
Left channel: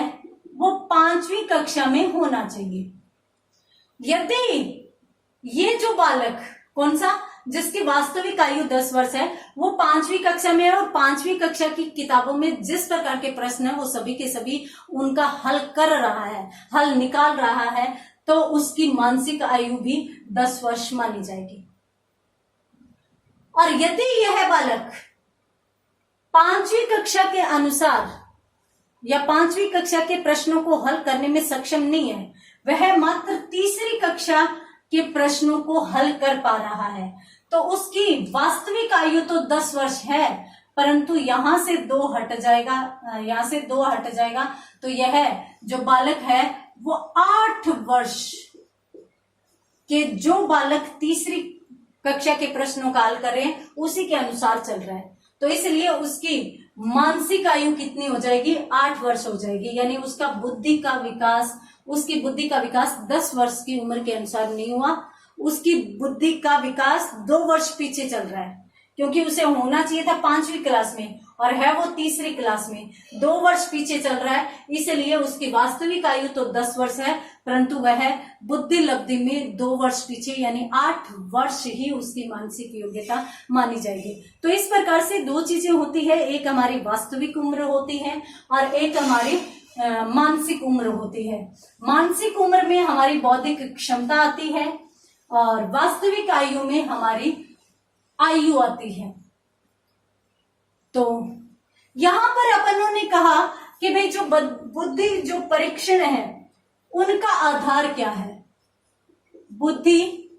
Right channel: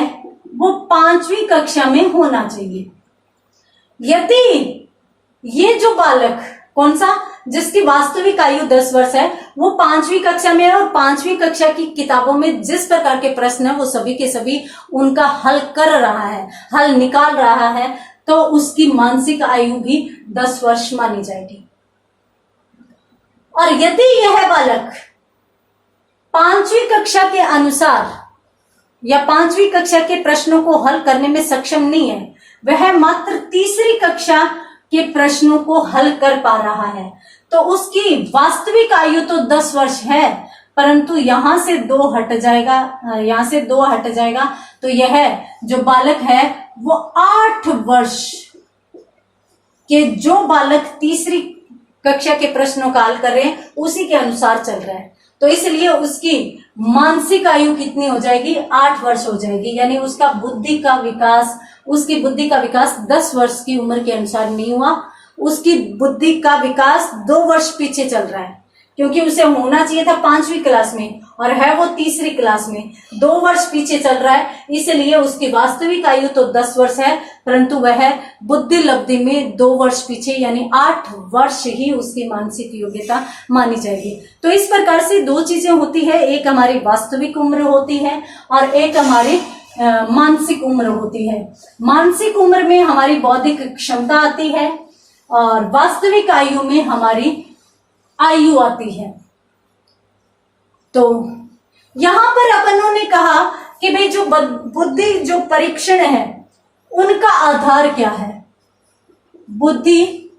वो 5वीं कक्षा में होना चाहिए। यदि ये जो बालक, कौन सा, जिसकी वास्तविक आयु 10 वर्ष है, वो 5वीं कक्षा में है, और 5वीं कक्षा की किताबों में जिस प्रकार के प्रश्न है वो सभी के सभी उनका हल कर रहा है, हल निकाल रहा है, तो उसकी मानसिक आयु भी 10 वर्ष मानी जाएगी। और यदि यह बालक 5वीं कक्षा के अनुसार या 5वीं कक्षा के प्रश्नों को हल करने में सक्षम नहीं है, वह मात्र 3री कक्षा के प्रश्नों को हल कर पा रहा है, तो उसकी वास्तविक आयु तो 10 वर्ष है, परंतु यहां से 2 हट जाएगा, तो यह जो बालक है वो 8 वर्ष के जो बालक तीसरी कक्षा के प्रश्नों का हल कर रहे हैं उसी के अनुसार चल रहा है। तो इसलिए उसकी मानसिक आयु कितनी हो जाएगी? 8 वर्ष हो जाएगी। यानी उसकी बुद्धि का विकास 10 वर्ष की उम्र के अनुसार नहीं हुआ, उसकी बुद्धि का विकास 2 वर्ष पीछे चल रहा है, क्योंकि उसे होना चाहिए था 5वीं क्लास में और है वो तीसरी क्लास में, 2 वर्ष पीछे चल रहा है। इसलिए उसकी वास्तविक आयु तो 10 वर्ष है, परंतु वह बुद्धि लब्धि में 2 वर्ष पीछे, यानी 8 वर्ष ही उसकी मानसिक योग्यता मानी जाएगी। तो इस प्रकार से 2 चीजें होती है, एक हमारी वास्तविक उम्र होती है और एक हमारी मानसिक उम्र होती है। मानसिक उम्र में हमारी बौद्धिक क्षमता आती है और वास्तविक आयु में हमारी आयु आती है। तो यहां पर अपनों ने कहा कि भाई जो बुद्धि जो परीक्षण है उनका आधार क्या है? बुद्धि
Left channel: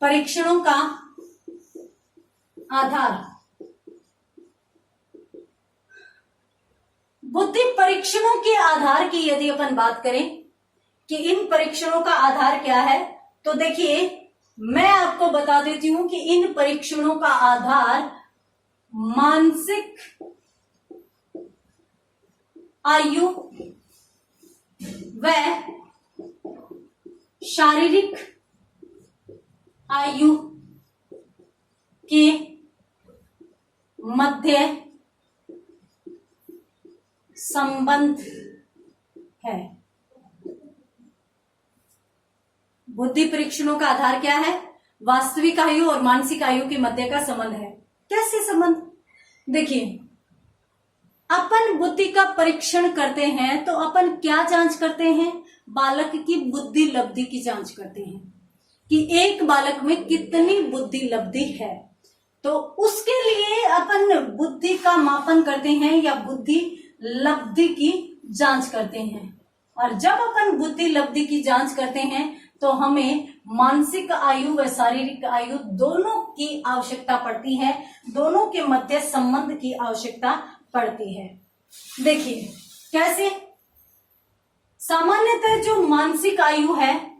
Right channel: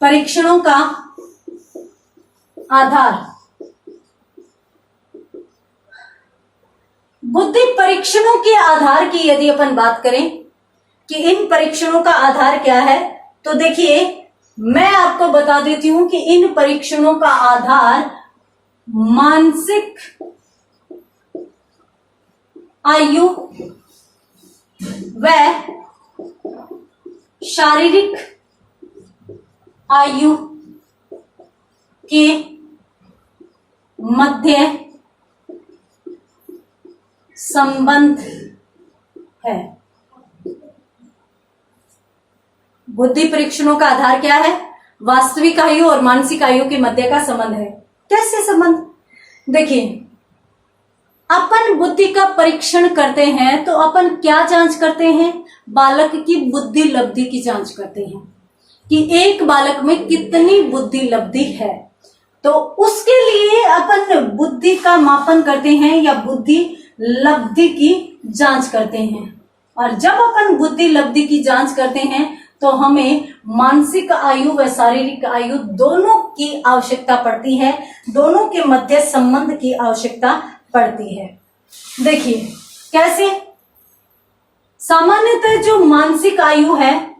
परीक्षणों का आधार, बुद्धि परीक्षणों के आधार की यदि अपन बात करें कि इन परीक्षणों का आधार क्या है, तो देखिए मैं आपको बता देती हूं कि इन परीक्षणों का आधार मानसिक आयु व शारीरिक आयु के मध्य संबंध है। बुद्धि परीक्षणों का आधार क्या है? वास्तविक आयु और मानसिक आयु के मध्य का संबंध है। कैसे संबंध? देखिए, अपन बुद्धि का परीक्षण करते हैं तो अपन क्या जांच करते हैं? बालक की बुद्धि लब्धि की जांच करते हैं कि एक बालक में कितनी बुद्धि लब्धि है। तो उसके लिए अपन बुद्धि का मापन करते हैं या बुद्धि लब्धि की जांच करते हैं। और जब अपन बुद्धि लब्धि की जांच करते हैं तो हमें मानसिक आयु व शारीरिक आयु दोनों की आवश्यकता पड़ती है, दोनों के मध्य संबंध की आवश्यकता पड़ती है। देखिए कैसे? सामान्यतः जो मानसिक आयु है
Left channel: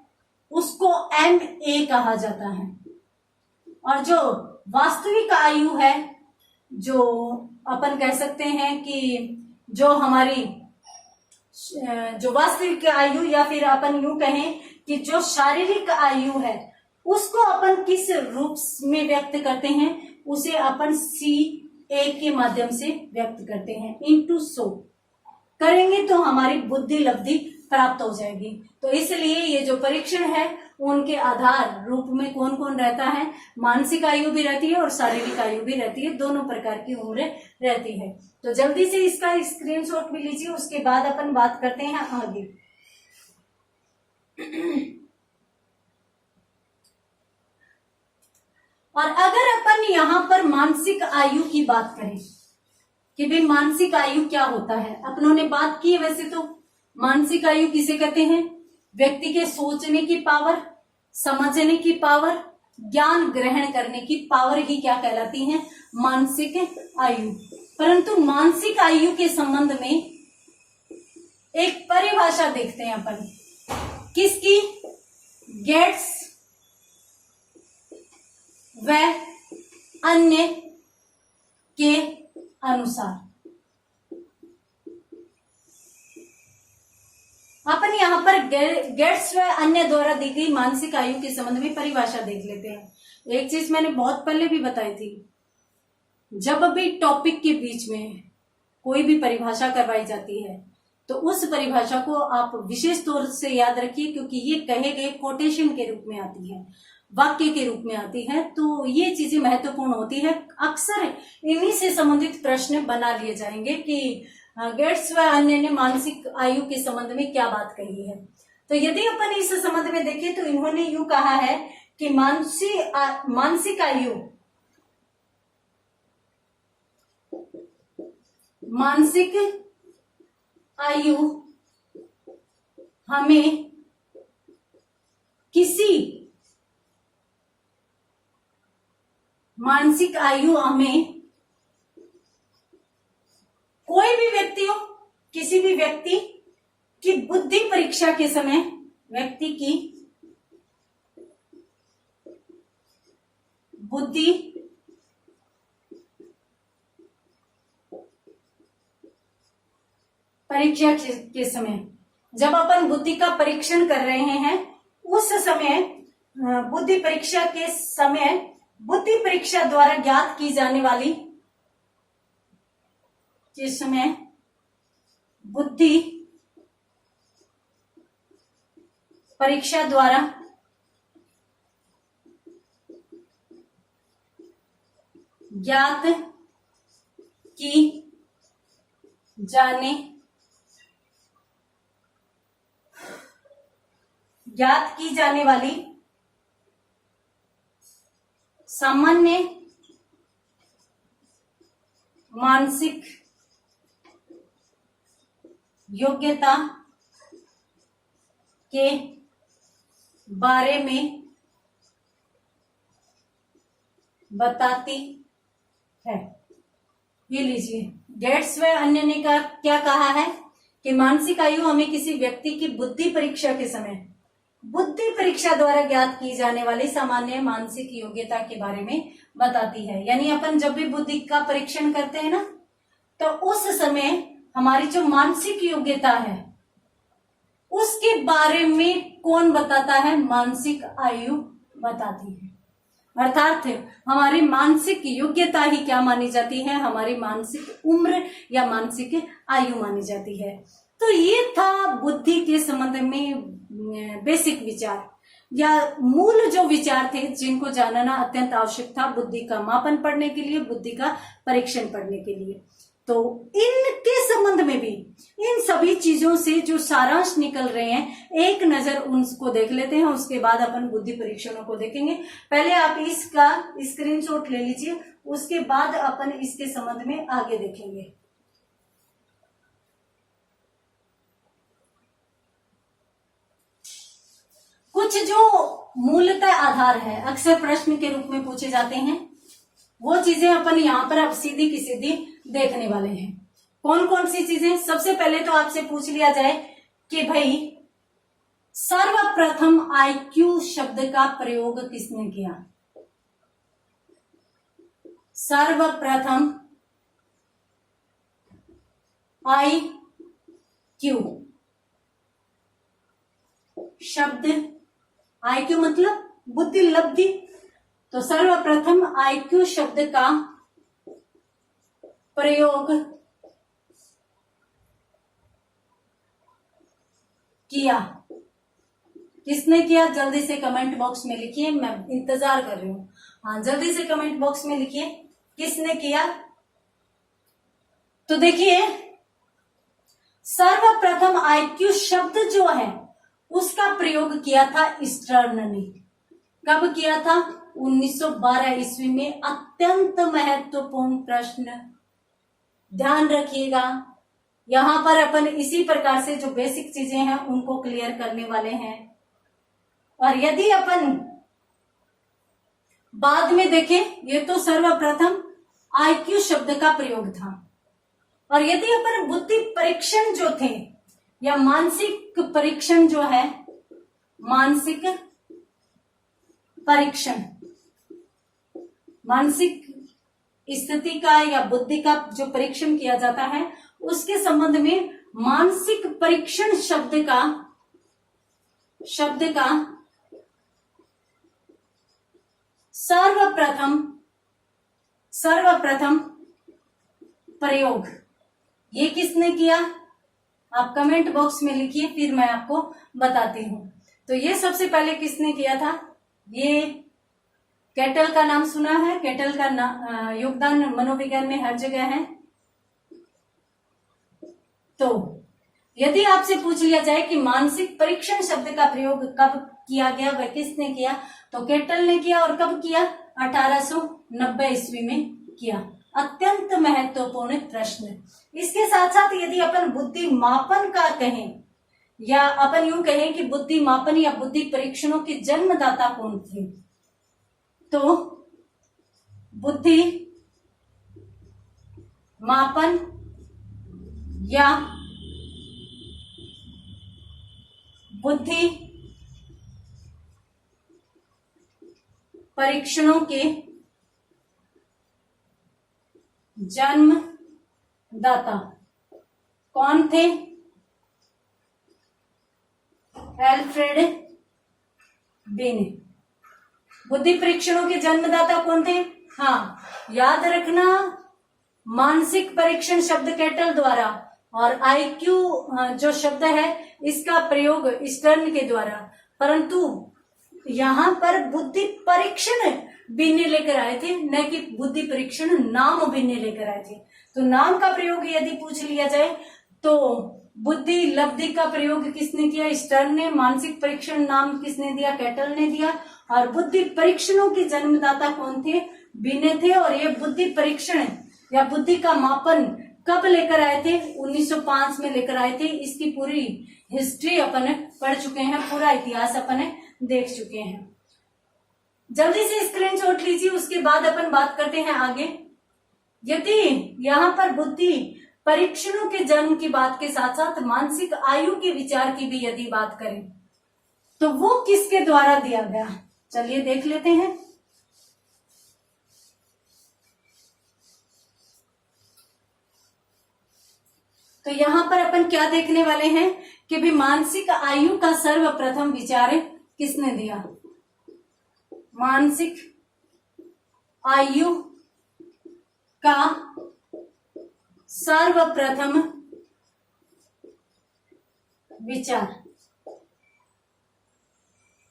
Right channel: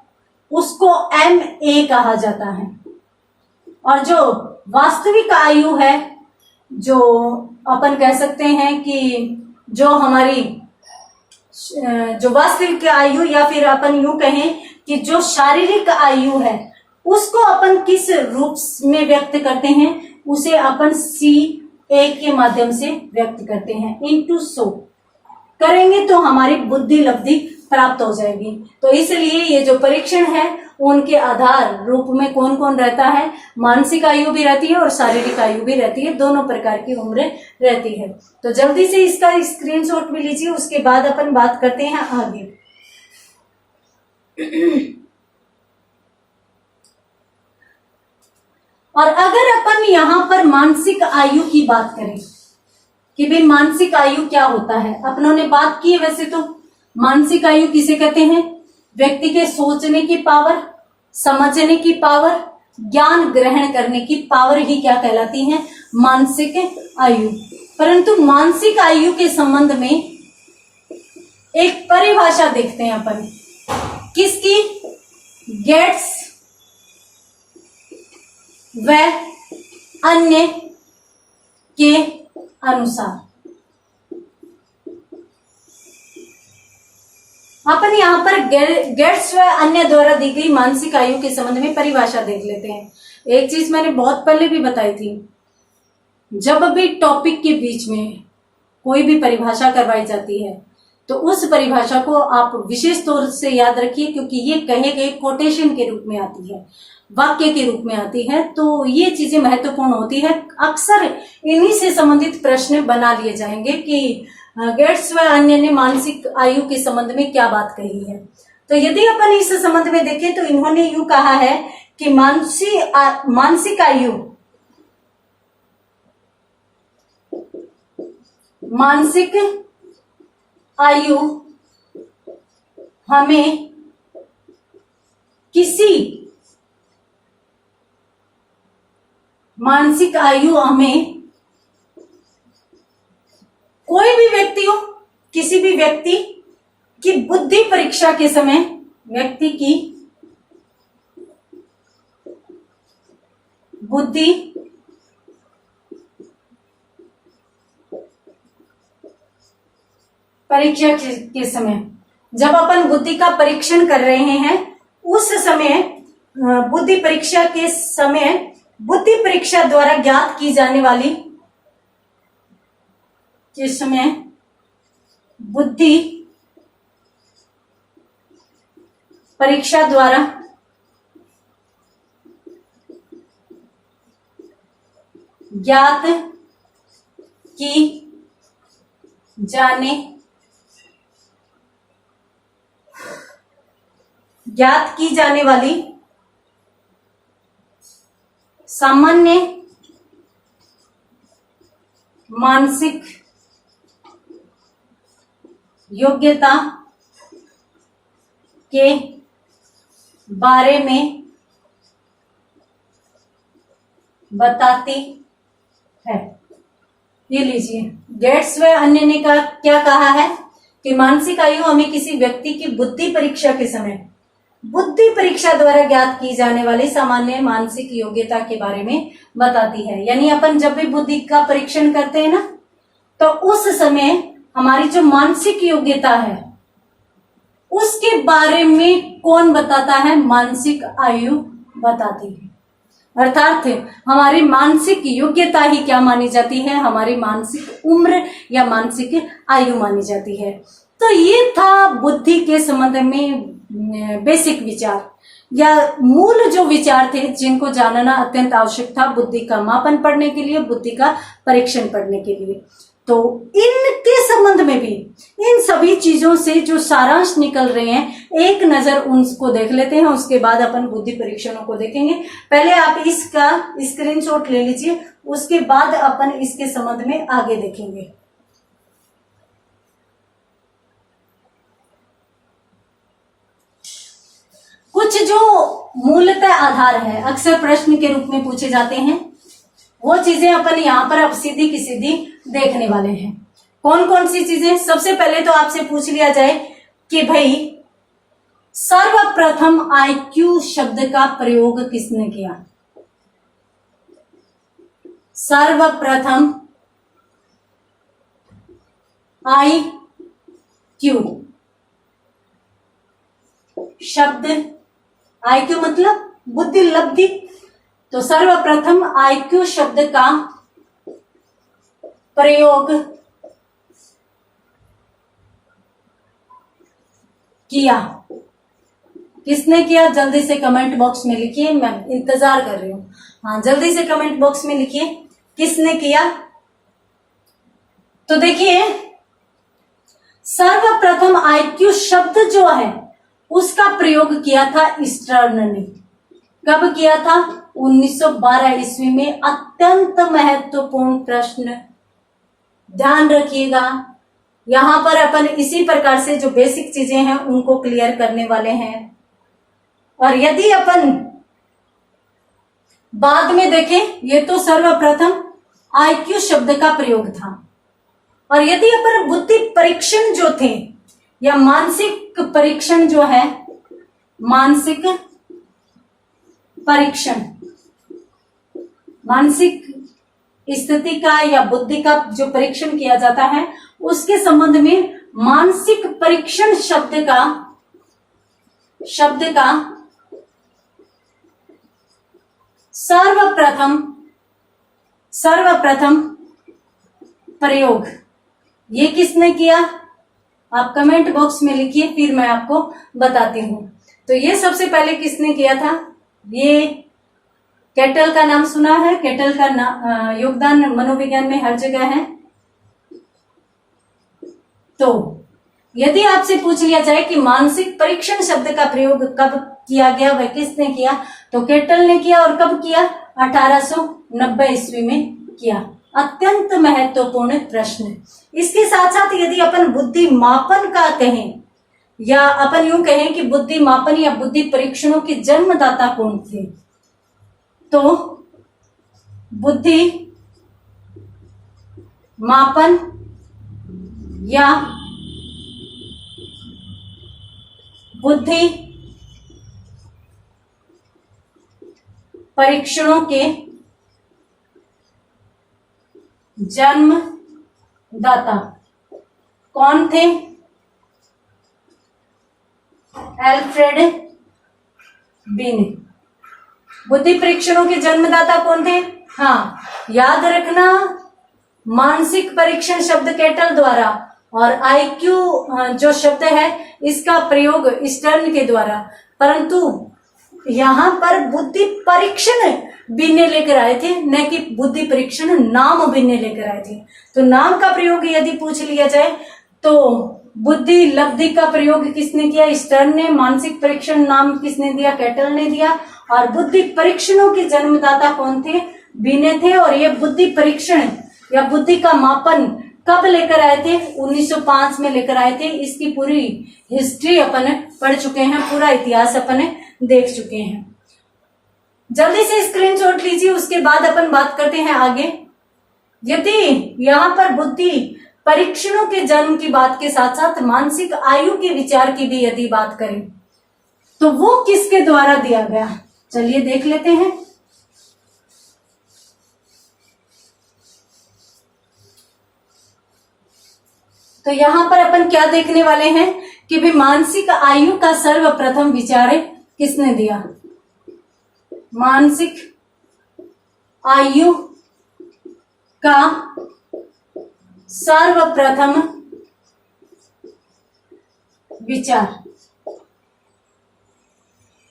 उसको MA कहा जाता है और जो वास्तविक आयु है, जो अपन कह सकते हैं कि जो हमारी जो वास्तविक आयु या फिर अपन यूं कहें कि जो शारीरिक आयु है उसको अपन किस रूप में व्यक्त करते हैं? उसे अपन CA के माध्यम से व्यक्त करते हैं। इनटू 100 करेंगे तो हमारी बुद्धि लब्धि प्राप्त हो जाएगी। तो इसलिए ये जो परीक्षण है उनके आधार रूप में कौन कौन रहता है? मानसिक आयु भी रहती है और शारीरिक आयु भी रहती है, दोनों प्रकार की उम्र रहती है। तो जल्दी से इसका स्क्रीनशॉट भी लीजिए, उसके बाद अपन बात करते हैं आगे। और अगर अपन यहां पर मानसिक आयु की बात करें कि भाई मानसिक आयु क्या होता है, अपनों ने बात की है। वैसे तो मानसिक आयु किसे कहते हैं? व्यक्ति के सोचने की पावर, समझने की पावर, ज्ञान ग्रहण करने की पावर ही क्या कहलाती है? मानसिक आयु। परंतु मानसिक आयु के संबंध में एक परिभाषा देखते हैं अपन, किसकी? गेट्स व अन्य के अनुसार। अपन यहां पर गेट्स व अन्य द्वारा दी गई मानसिक आयु के संबंध में परिभाषा देख लेते हैं। एक चीज मैंने बहुत पहले भी बताई थी, जब भी टॉपिक के बीच में कोई भी परिभाषा करवाई जाती है तो उस परिभाषा को आप विशेष तौर से याद रखिए, क्योंकि ये कहे गए कोटेशन के रूप में आती है, वाक्य के रूप में आती है। तो ये चीजें महत्वपूर्ण होती है। अक्सर इन्हीं से संबंधित प्रश्न बना लिए जाएंगे कि गेट्स व अन्य ने मानसिक आयु के संबंध में क्या बात कही है। तो यदि अपन इस संबंध में देखें तो इन्होंने यूं कहा है कि मानसिक आयु हमें कोई भी व्यक्ति हो, किसी भी व्यक्ति की बुद्धि परीक्षा के समय व्यक्ति की बुद्धि परीक्षा के समय, जब अपन बुद्धि का परीक्षण कर रहे हैं उस समय बुद्धि परीक्षा के समय बुद्धि परीक्षा द्वारा ज्ञात की जाने वाली, जिस समय बुद्धि परीक्षा द्वारा ज्ञात की जाने वाली सामान्य मानसिक योग्यता के बारे में बताती है। ये लीजिए, गेट्स व अन्य ने क्या कहा है कि मानसिक आयु हमें किसी व्यक्ति की बुद्धि परीक्षा के समय बुद्धि परीक्षा द्वारा ज्ञात की जाने वाली सामान्य मानसिक योग्यता के बारे में बताती है। यानी अपन जब भी बुद्धि का परीक्षण करते हैं ना, तो उस समय हमारी जो मानसिक योग्यता है उसके बारे में कौन बताता है? मानसिक आयु बताती है। अर्थात हमारी मानसिक योग्यता ही क्या मानी जाती है? हमारी मानसिक उम्र या मानसिक आयु मानी जाती है। तो ये था बुद्धि के संबंध में बेसिक विचार या मूल जो विचार थे जिनको जानना अत्यंत आवश्यक था बुद्धि का मापन पढ़ने के लिए, बुद्धि का परीक्षण पढ़ने के लिए। तो इनके संबंध में भी इन सभी चीजों से जो सारांश निकल रहे हैं, एक नजर उनको देख लेते हैं, उसके बाद अपन बुद्धि परीक्षणों को देखेंगे। पहले आप इसका स्क्रीनशॉट ले लीजिए, उसके बाद अपन इसके संबंध में आगे देखेंगे। कुछ जो मूलतः आधार है, अक्सर प्रश्न के रूप में पूछे जाते हैं, वो चीजें अपन यहाँ पर अब सीधी की सीधी देखने वाले हैं। कौन कौन सी चीजें? सबसे पहले तो आपसे पूछ लिया जाए कि भाई सर्वप्रथम आईक्यू शब्द का प्रयोग किसने किया? सर्वप्रथम आईक्यू शब्द, आईक्यू मतलब बुद्धि लब्धि, तो सर्वप्रथम आईक्यू शब्द का प्रयोग किया। किसने किया? जल्दी से कमेंट बॉक्स में लिखिए, मैं इंतजार कर रही हूं। हाँ, जल्दी से कमेंट बॉक्स में लिखिए किसने किया। तो देखिए, सर्वप्रथम आईक्यू शब्द जो है उसका प्रयोग किया था स्टर्न ने। कब किया था? 1912 ईस्वी में। अत्यंत महत्वपूर्ण प्रश्न, ध्यान रखिएगा। यहां पर अपन इसी प्रकार से जो बेसिक चीजें हैं उनको क्लियर करने वाले हैं। और यदि अपन बाद में देखें, ये तो सर्वप्रथम आईक्यू शब्द का प्रयोग था। और यदि अपन बुद्धि परीक्षण जो थे या मानसिक परीक्षण जो है, मानसिक परीक्षण, मानसिक स्थिति का या बुद्धि का जो परीक्षण किया जाता है, उसके संबंध में मानसिक परीक्षण शब्द का सर्वप्रथम प्रयोग ये किसने किया? आप कमेंट बॉक्स में लिखिए, फिर मैं आपको बताती हूं। तो ये सबसे पहले किसने किया था? ये केटल का नाम सुना है? केटल का योगदान मनोविज्ञान में हर जगह है। तो यदि आपसे पूछ लिया जाए कि मानसिक परीक्षण शब्द का प्रयोग कब किया गया, वह किसने किया? तो केटल ने किया। और कब किया? 1890 ईस्वी में किया। अत्यंत महत्वपूर्ण प्रश्न। इसके साथ साथ यदि अपन बुद्धि मापन का कहें या अपन यूं कहें कि बुद्धि मापन या बुद्धि परीक्षणों के जन्मदाता कौन थे, तो बुद्धि मापन या बुद्धि परीक्षणों के जन्मदाता कौन थे? अल्फ्रेड बिने। बुद्धि परीक्षणों के जन्मदाता कौन थे? हाँ, याद रखना, मानसिक परीक्षण शब्द केटल द्वारा और आईक्यू जो शब्द है इसका प्रयोग स्टर्न के द्वारा, परंतु यहाँ पर बुद्धि परीक्षण बिने लेकर आए थे, न कि बुद्धि परीक्षण नाम बिने लेकर आए थे। तो नाम का प्रयोग यदि पूछ लिया जाए तो बुद्धि लब्धि का प्रयोग किसने किया? स्टर्न ने। मानसिक परीक्षण नाम किसने दिया? केटल ने दिया। और बुद्धि परीक्षणों के जन्मदाता कौन थे? बिने थे। और ये बुद्धि परीक्षण या बुद्धि का मापन कब लेकर आए थे? 1905 में लेकर आए थे। इसकी पूरी हिस्ट्री अपन पढ़ चुके हैं, पूरा इतिहास अपन देख चुके हैं। जल्दी से स्क्रीनशॉट लीजिए, उसके बाद अपन बात करते हैं आगे। यदि यहाँ पर बुद्धि परीक्षणों के जन्म की बात के साथ साथ मानसिक आयु के विचार की भी यदि बात करें तो वो किसके द्वारा दिया गया? चलिए देख लेते हैं। तो यहां पर अपन क्या देखने वाले हैं कि भी मानसिक आयु का सर्वप्रथम विचार किसने दिया? मानसिक आयु का सर्वप्रथम विचार।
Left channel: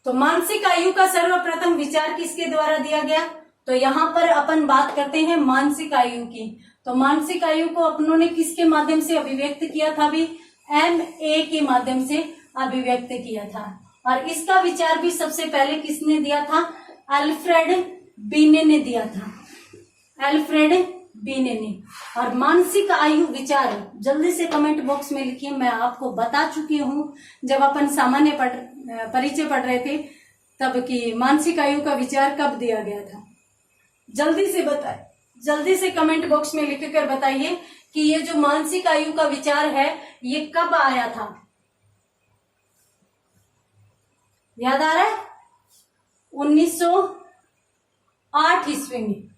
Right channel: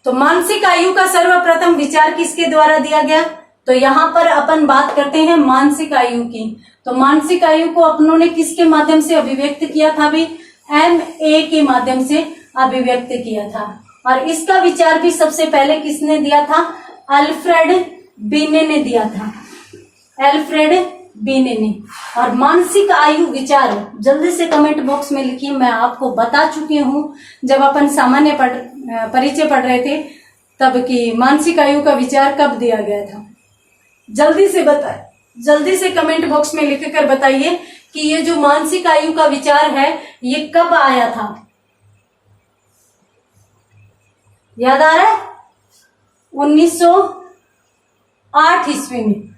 तो मानसिक आयु का सर्वप्रथम विचार किसके द्वारा दिया गया? तो यहां पर अपन बात करते हैं मानसिक आयु की। तो मानसिक आयु को अपनों ने किसके माध्यम से अभिव्यक्त किया था? भी MA के माध्यम से अभिव्यक्त किया था। और इसका विचार भी सबसे पहले किसने दिया था? अल्फ्रेड बिने ने दिया था। अल्फ्रेड बिने ने। और मानसिक आयु विचार जल्दी से कमेंट बॉक्स में लिखिए। मैं आपको बता चुकी हूं जब अपन सामान्य परिचय पढ़ रहे थे तब कि मानसिक आयु का विचार कब दिया गया था। जल्दी से बताए, जल्दी से कमेंट बॉक्स में लिखकर बताइए कि ये जो मानसिक आयु का विचार है ये कब आया था? याद आ रहा है? 1908 ईस्वी में।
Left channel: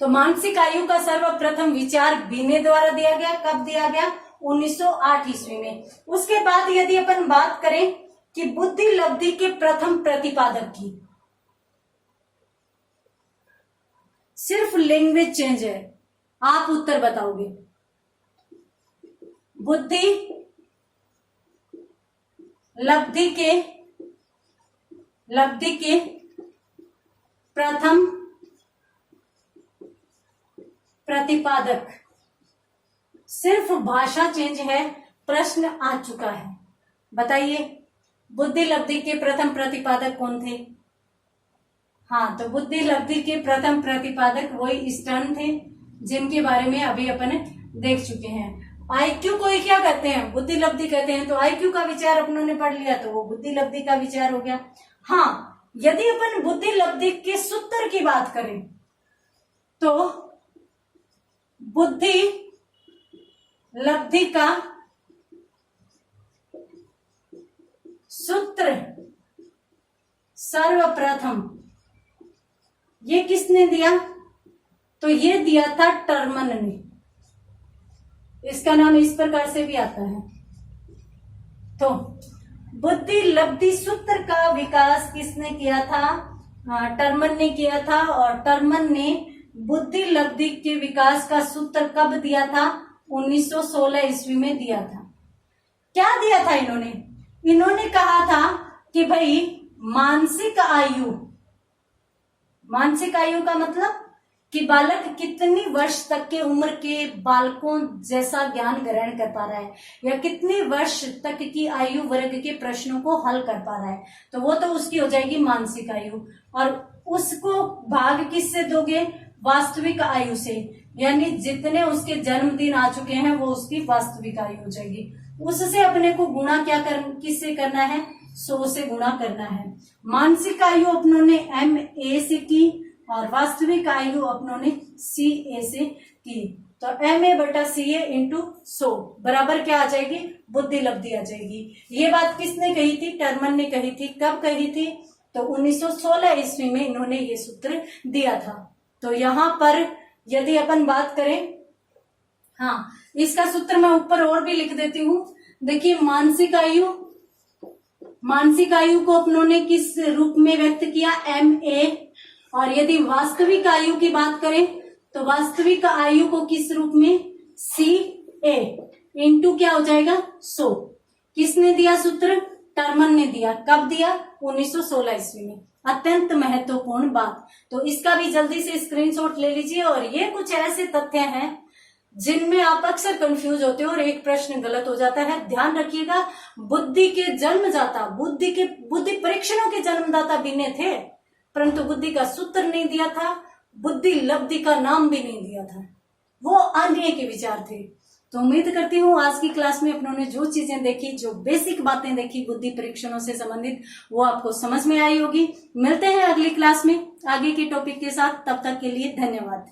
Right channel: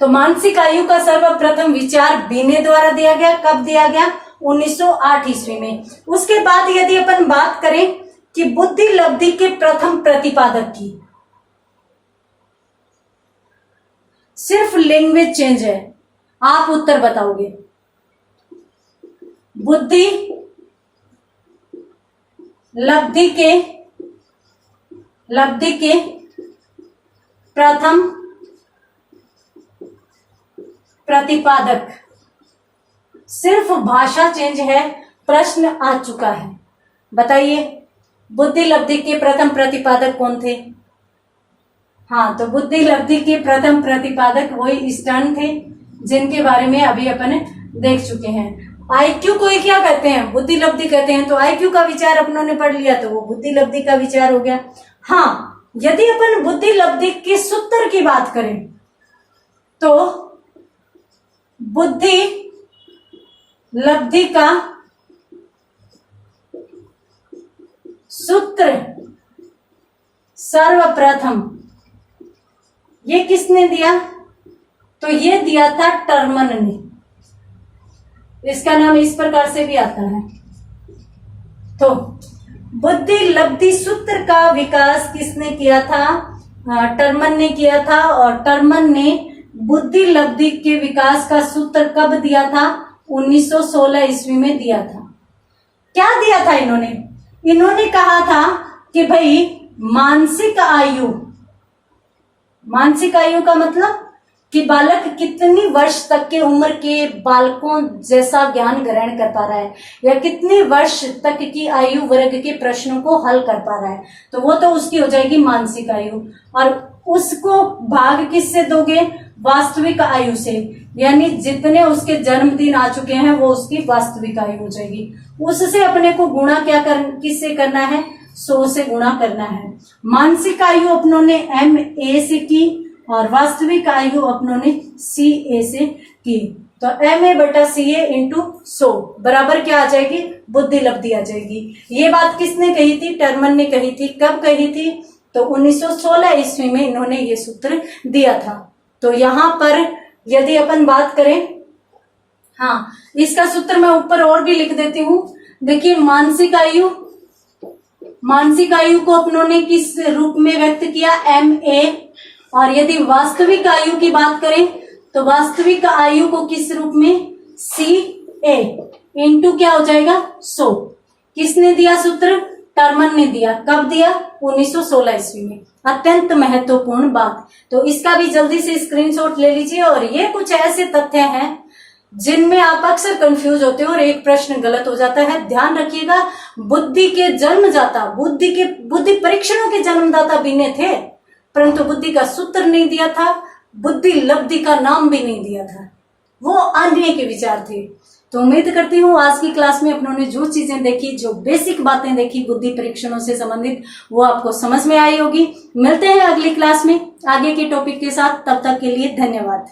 तो मानसिक आयु का सर्वप्रथम विचार बिने द्वारा दिया गया। कब दिया गया? 1908 ईस्वी में। उसके बाद यदि अपन बात करें कि बुद्धि लब्धि के प्रथम प्रतिपादक की, सिर्फ लैंग्वेज चेंज है, आप उत्तर बताओगे। बुद्धि लब्धि के प्रथम प्रतिपादक, सिर्फ भाषा चेंज है, प्रश्न आ चुका है। बताइए बुद्धि लब्धि के प्रथम प्रतिपादक कौन थे? हाँ, तो बुद्धि लब्धि के प्रथम प्रतिपादक वही स्टर्न थे जिनके बारे में अभी अपन देख चुके हैं। आईक्यू को क्या कहते हैं? बुद्धि लब्धि कहते हैं। तो आईक्यू का विचार अपनों ने पढ़ लिया तो वो बुद्धि लब्धि का विचार हो गया। हाँ, यदि अपन बुद्धि लब्धि के सूत्र की बात करें तो बुद्धि लब्धि का सूत्र सर्वप्रथम ये किसने दिया? तो ये दिया था टर्मन ने। इसका नाम इस प्रकार से भी आता है। तो बुद्धि लब्धि सूत्र का विकास किसने किया था? टर्मन ने किया था। और टर्मन ने बुद्धि लब्धि के विकास का सूत्र कब दिया था? 1916 ईस्वी में दिया था। क्या दिया था इन्होंने? इन्होंने कहा था कि भाई मानसिक आयु का मतलब कि बालक कितनी वर्ष तक के उम्र के बालकों जैसा ज्ञान ग्रहण कर पा रहा है या कितने वर्ष तक की आयु वर्ग के प्रश्नों को हल कर पा रहा है, तो वो तो उसकी हो जाएगी मानसिक आयु। और उसको भाग किससे दोगे? वास्तविक आयु से, यानी जितने उसके जन्मदिन आ चुके हैं वो उसकी वास्तविक आयु हो जाएगी। उससे अपने को गुणा किससे करना है? 100 से गुणा करना है। मानसिक आयु अपनों ने MA से की और वास्तविक आयु अपनों ने CA से की। तो MA बटा CA इंटू 100 बराबर क्या आ जाएगी, बुद्धि लब्धि आ जाएगी। ये बात किसने कही थी, टर्मन ने कही थी। कब कही थी, तो 1916 ईस्वी में इन्होंने ये सूत्र दिया था। तो यहां पर यदि अपन बात करें, हाँ इसका सूत्र मैं ऊपर और भी लिख देती हूं। देखिए मानसिक आयु को अपनों ने किस रूप में व्यक्त किया, MA। और यदि वास्तविक आयु की बात करें तो वास्तविक आयु को किस रूप में, CA इंटू क्या हो जाएगा 100। किसने दिया सूत्र, टर्मन ने दिया। कब दिया, 1916 ईस्वी में। अत्यंत महत्वपूर्ण बात, तो इसका भी जल्दी से स्क्रीनशॉट ले लीजिए। और ये कुछ ऐसे तथ्य हैं जिनमें आप अक्सर कंफ्यूज होते हो और एक प्रश्न गलत हो जाता है। ध्यान रखिएगा, बुद्धि के जन्मदाता, बुद्धि परीक्षणों के जन्मदाता बिने थे, परंतु बुद्धि का सूत्र नहीं दिया था, बुद्धि लब्धि का नाम भी नहीं दिया था, वो अन्य के विचार थे। तो उम्मीद करती हूँ आज की क्लास में अपनों ने जो चीजें देखी, जो बेसिक बातें देखी बुद्धि परीक्षणों से संबंधित, वो आपको समझ में आई होगी। मिलते हैं अगली क्लास में आगे के टॉपिक के साथ, तब तक के लिए धन्यवाद।